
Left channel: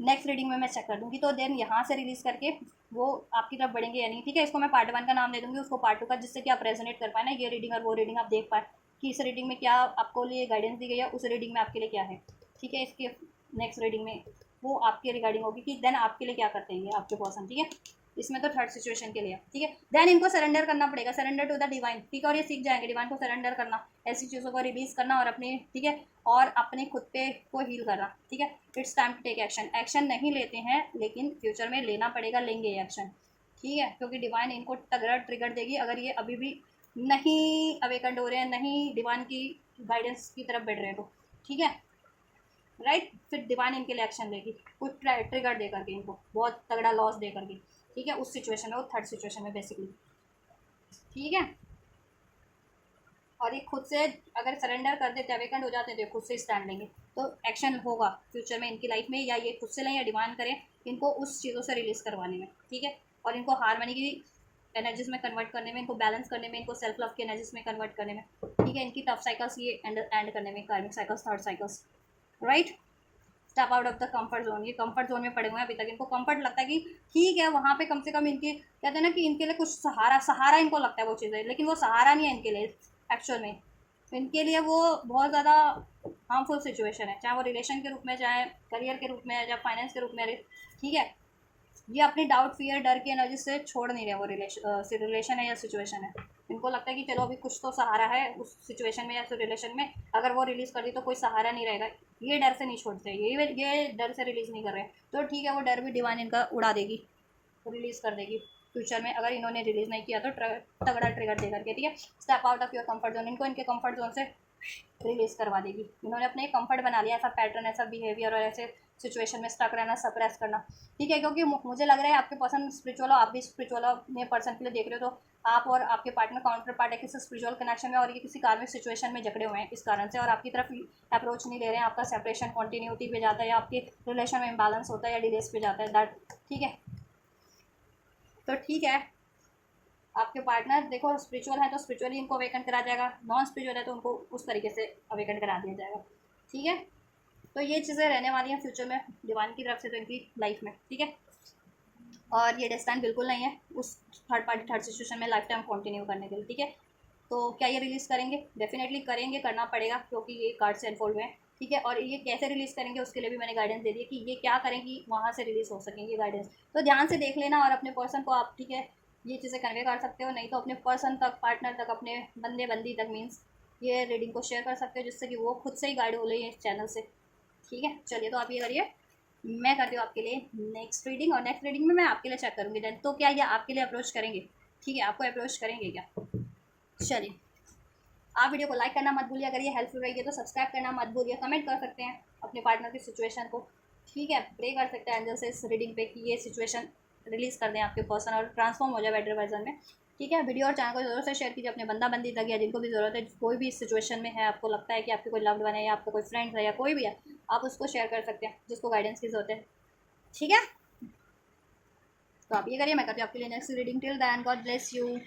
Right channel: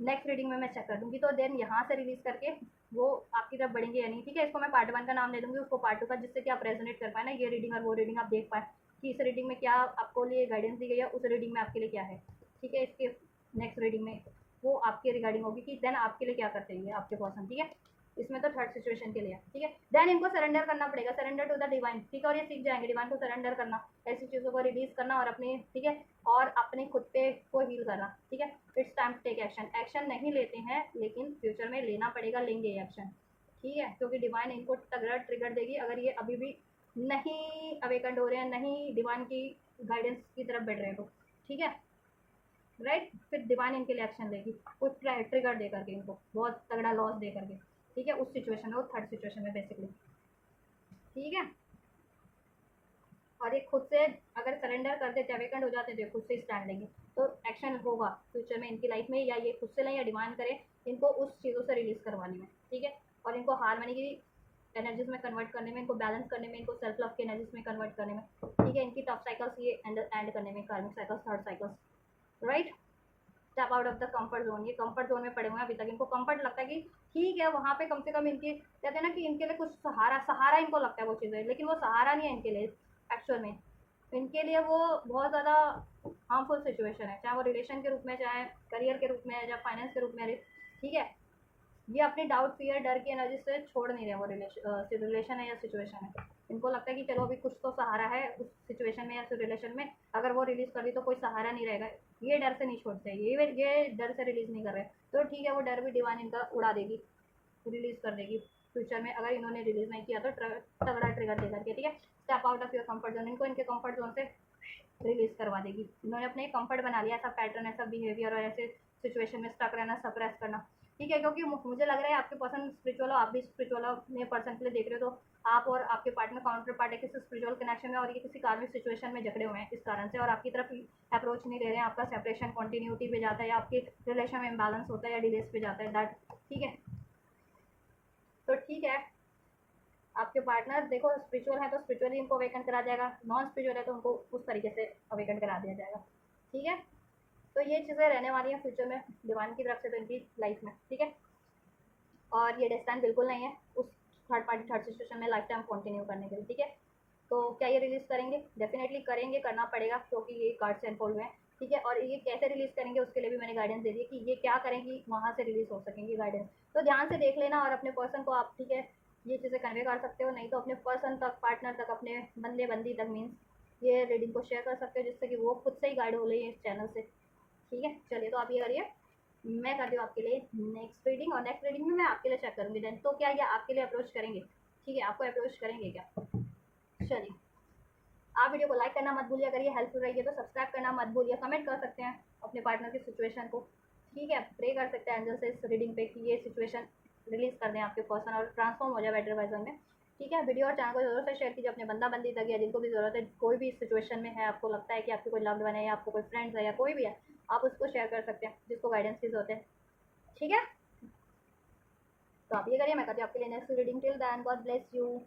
नेक्स्ट रीडिंग में मैं चेक कर दूँगी, तो देन यहाँ से रिलीज करके वो आपकी तरफ बढ़ेंगे या नहीं, ठीक है। इसको मैं पार्ट 1 का नाम दे दूँगी, उसको पार्ट 2 का, जिससे कि आप रेजोनेट कर पाए ना ये रीडिंग और वो रीडिंग, आप देख पाए कि इस रीडिंग में क्या आपको लिए गाइडेंस दी गई है, उस रीडिंग में आपके लिए क्या है, ठीक है। इसके नेक्स्ट रीडिंग में वो आपके रिगार्डिंग होगी कि देन आपके लिए क्या करते हैं ये आपके पर्सन, ठीक है। इसमें तो थर्ड सिचुएशन के लिए, ठीक है। देन इनको सरेंडर करना पड़ेगा, सरेंडर टू द डिवाइन, ठीक है। और ये सीख जाएंगे डिवाइन को सरेंडर करना, ऐसी चीज़ों को रिलीज करना और अपनी, ठीक है, और अपने खुद पे को हील करना, ठीक है। It's time to take action. Action नहीं लेते हैं लेकिन फ्यूचर में लेना पड़ेगा, लेंगे एक्शन, ठीक है, क्योंकि डिवाइन इनको तगड़ा ट्रिगर देगी अगर ये अभी भी नहीं अवेकंड हो रहे हैं, नहीं डिवाइन की गाइडेंस की तरफ बढ़ रहे हैं तो, ठीक है, राइट। फिर डिवाइन इनके लिए एक्शन लेगी, कुछ ट्रिगर दे करके, इनको बहुत तगड़ा लॉस दे करके, ठीक है, उस सिचुएशन में, वो थर्ड सिचुएशन में बेसिकली, ठीक है। और ये खुद से अगर सरेंडर कर देते, अवेकंड हो जाते हैं, तो खुद से स्टैंड लेंगे, तो एक्शन होगा फ्यूचर में इनकी लाइफ में, या ये खुद से लें या डिमांड करें इनको उस चीज़ों से रिलीज करवाने में, ठीक है। और इनको हारमनी की एनर्जीज में कन्वर्ट करने में, इनको बैलेंस करने में, इनको सेल्फ लव की एनर्जीज में कन्वर्ट करने में, ठीक है। इनकी टफ साइकिल्स ये एंड करने में, कार्मिक cycles, third cycles, right. Step out of the comfort zone, ये कंफर्ट जोन में पड़े हुए हैं अभी तक, इनको कंफर्ट लगता है कि ठीक है वहाँ पे कम से कम इनके, कहते हैं ना कि इनके लिए कुछ सहारा, सहारा इनको लगता है वो चीज़ें, लेकिन वो सहारा नहीं है इनके लिए एक्चुअल में। इनके लिए वो बहुत ज़्यादा हार्मफुल सिचुएशन है, चाहे वो रिलेशन के रूप में, चाहे करियर के रूप में, चाहे फाइनेंस के रूप में, ठीक है। ये अपनी डाउट, फियर, डर की एनर्जी से छोड़ नहीं रहे वो रिलेशन है या सिचुएशन है। इनको लगता है कि चलो अभी कुछ तो सहारा है उस सिचुएशन में या फिर रिलेशन में, अगर वो रिलीज़ कर दी तो कोई सहारा नहीं रहेगा, ये डर से नहीं छोड़ते, ये डर से रिलीज़ नहीं कर रहे, तो ठीक है, वो डर भी डिवाइन इनका उड़ा देगी, रिलीज़ कर देगी फ्यूचर में, अगर इन्होंने रिलीज़ नहीं किया तो तगड़ा ट्रिगर दे करके, ठीक है। Step out of your comfort zone, इनको इनके कंफर्ट जोन से रिलीज़ करवा देगी। इन्होंने अपने कंफर्ट बना लिया, ऐसा पैटर्न, ऐसा बिहेवियर और ऐसे सिचुएशन में स्टक रहना, सप्रेस करना, ठीक है। क्योंकि मुझे लग रहा है आपके पर्सन स्पिरिचुअल हो, आप भी स्पिरिचुअल हो, अपने पर्सन के लिए देख रहे हो, तो आप और आपके पार्टनर काउंटर पार्ट है किसी स्पिरिचुअल कनेक्शन में, और ये किसी कार्मिक सिचुएशन में जकड़े हुए हैं इस कारण से, और आपकी तरफ अप्रोच नहीं ले रहे हैं, आपका सेपरेशन कंटिन्यूटी पे जाता है, या आपके रिलेशन में इम्बैलेंस होता है, या डिलेस पे जाता है, दैट, ठीक है। तो ठीक है, आपके पार्टनर देखो स्पिरिचुअल है तो स्पिरिचुअली इनको अवेकन करा जाएगा, नॉन स्पिरिचुअल है तो उनको उस तरीके से अवेकन करा दिया जाएगा, ठीक है। तो ये चीज़ें रहने वाली हैं फ्यूचर में डिवाइन की तरफ से तो इनकी लाइफ में, ठीक है। और ये डेस्टाइन बिल्कुल नहीं है उस थर्ड पार्टी थर्ड सिचुएशन में लाइफ टाइम कंटिन्यू करने के लिए, ठीक है। तो क्या ये रिलीज़ करेंगे? डेफिनेटली करेंगे, करना पड़ेगा, क्योंकि ये कार्ड से अनफोल्ड हुए हैं, ठीक है। और ये कैसे रिलीज़ करेंगे उसके लिए भी मैंने गाइडेंस दे दी है कि ये क्या करें कि वहाँ से रिलीज़ हो सकेंगे गाइडेंस, तो ध्यान से देख लेना और अपने पर्सन को आप, ठीक है, ये चीज़ें कन्वे कर सकते हो, नहीं तो अपने पर्सन तक, पार्टनर तक, अपने बंदे बंदी तक, मीन्स ये रीडिंग को शेयर कर सकते हो, जिससे कि वो खुद से ही गाइड हो रही है इस चैनल से, ठीक है। चलिए, तो आप ये करिए, मैं करती हूँ आपके लिए नेक्स्ट रीडिंग, और नेक्स्ट रीडिंग में मैं आपके लिए चेक करूँगी देन, तो क्या ये आपके लिए अप्रोच करेंगे, ठीक है, आपको अप्रोच करेंगे क्या? चलिए, आप वीडियो को लाइक करना मत भूलिए, अगर ये हेल्पफुल रही है तो सब्सक्राइब करना मत भूलिए, कमेंट कर सकते हैं अपने पार्टनर की सिचुएशन को, ठीक है, प्रे कर सकते हैं एंजल से इस रीडिंग पे कि ये सिचुएशन रिलीज़ कर दें आपके पर्सन और ट्रांसफॉर्म हो जाए बेटर वर्जन में, ठीक है। वीडियो और चैनल को ज़रूर से शेयर कीजिए अपने बंदा बंदी तक, या जिनको भी ज़रूरत है, कोई भी इस सिचुएशन में है, आपको लगता है कि आपके कोई लव्ड वन है या आपका कोई फ्रेंड है या कोई भी है, आप उसको शेयर कर सकते हैं जिसको गाइडेंस की ज़रूरत है, ठीक है। तो आप ये करिए, मैं करती हूँ आपके लिए next reading. Till then, God bless you.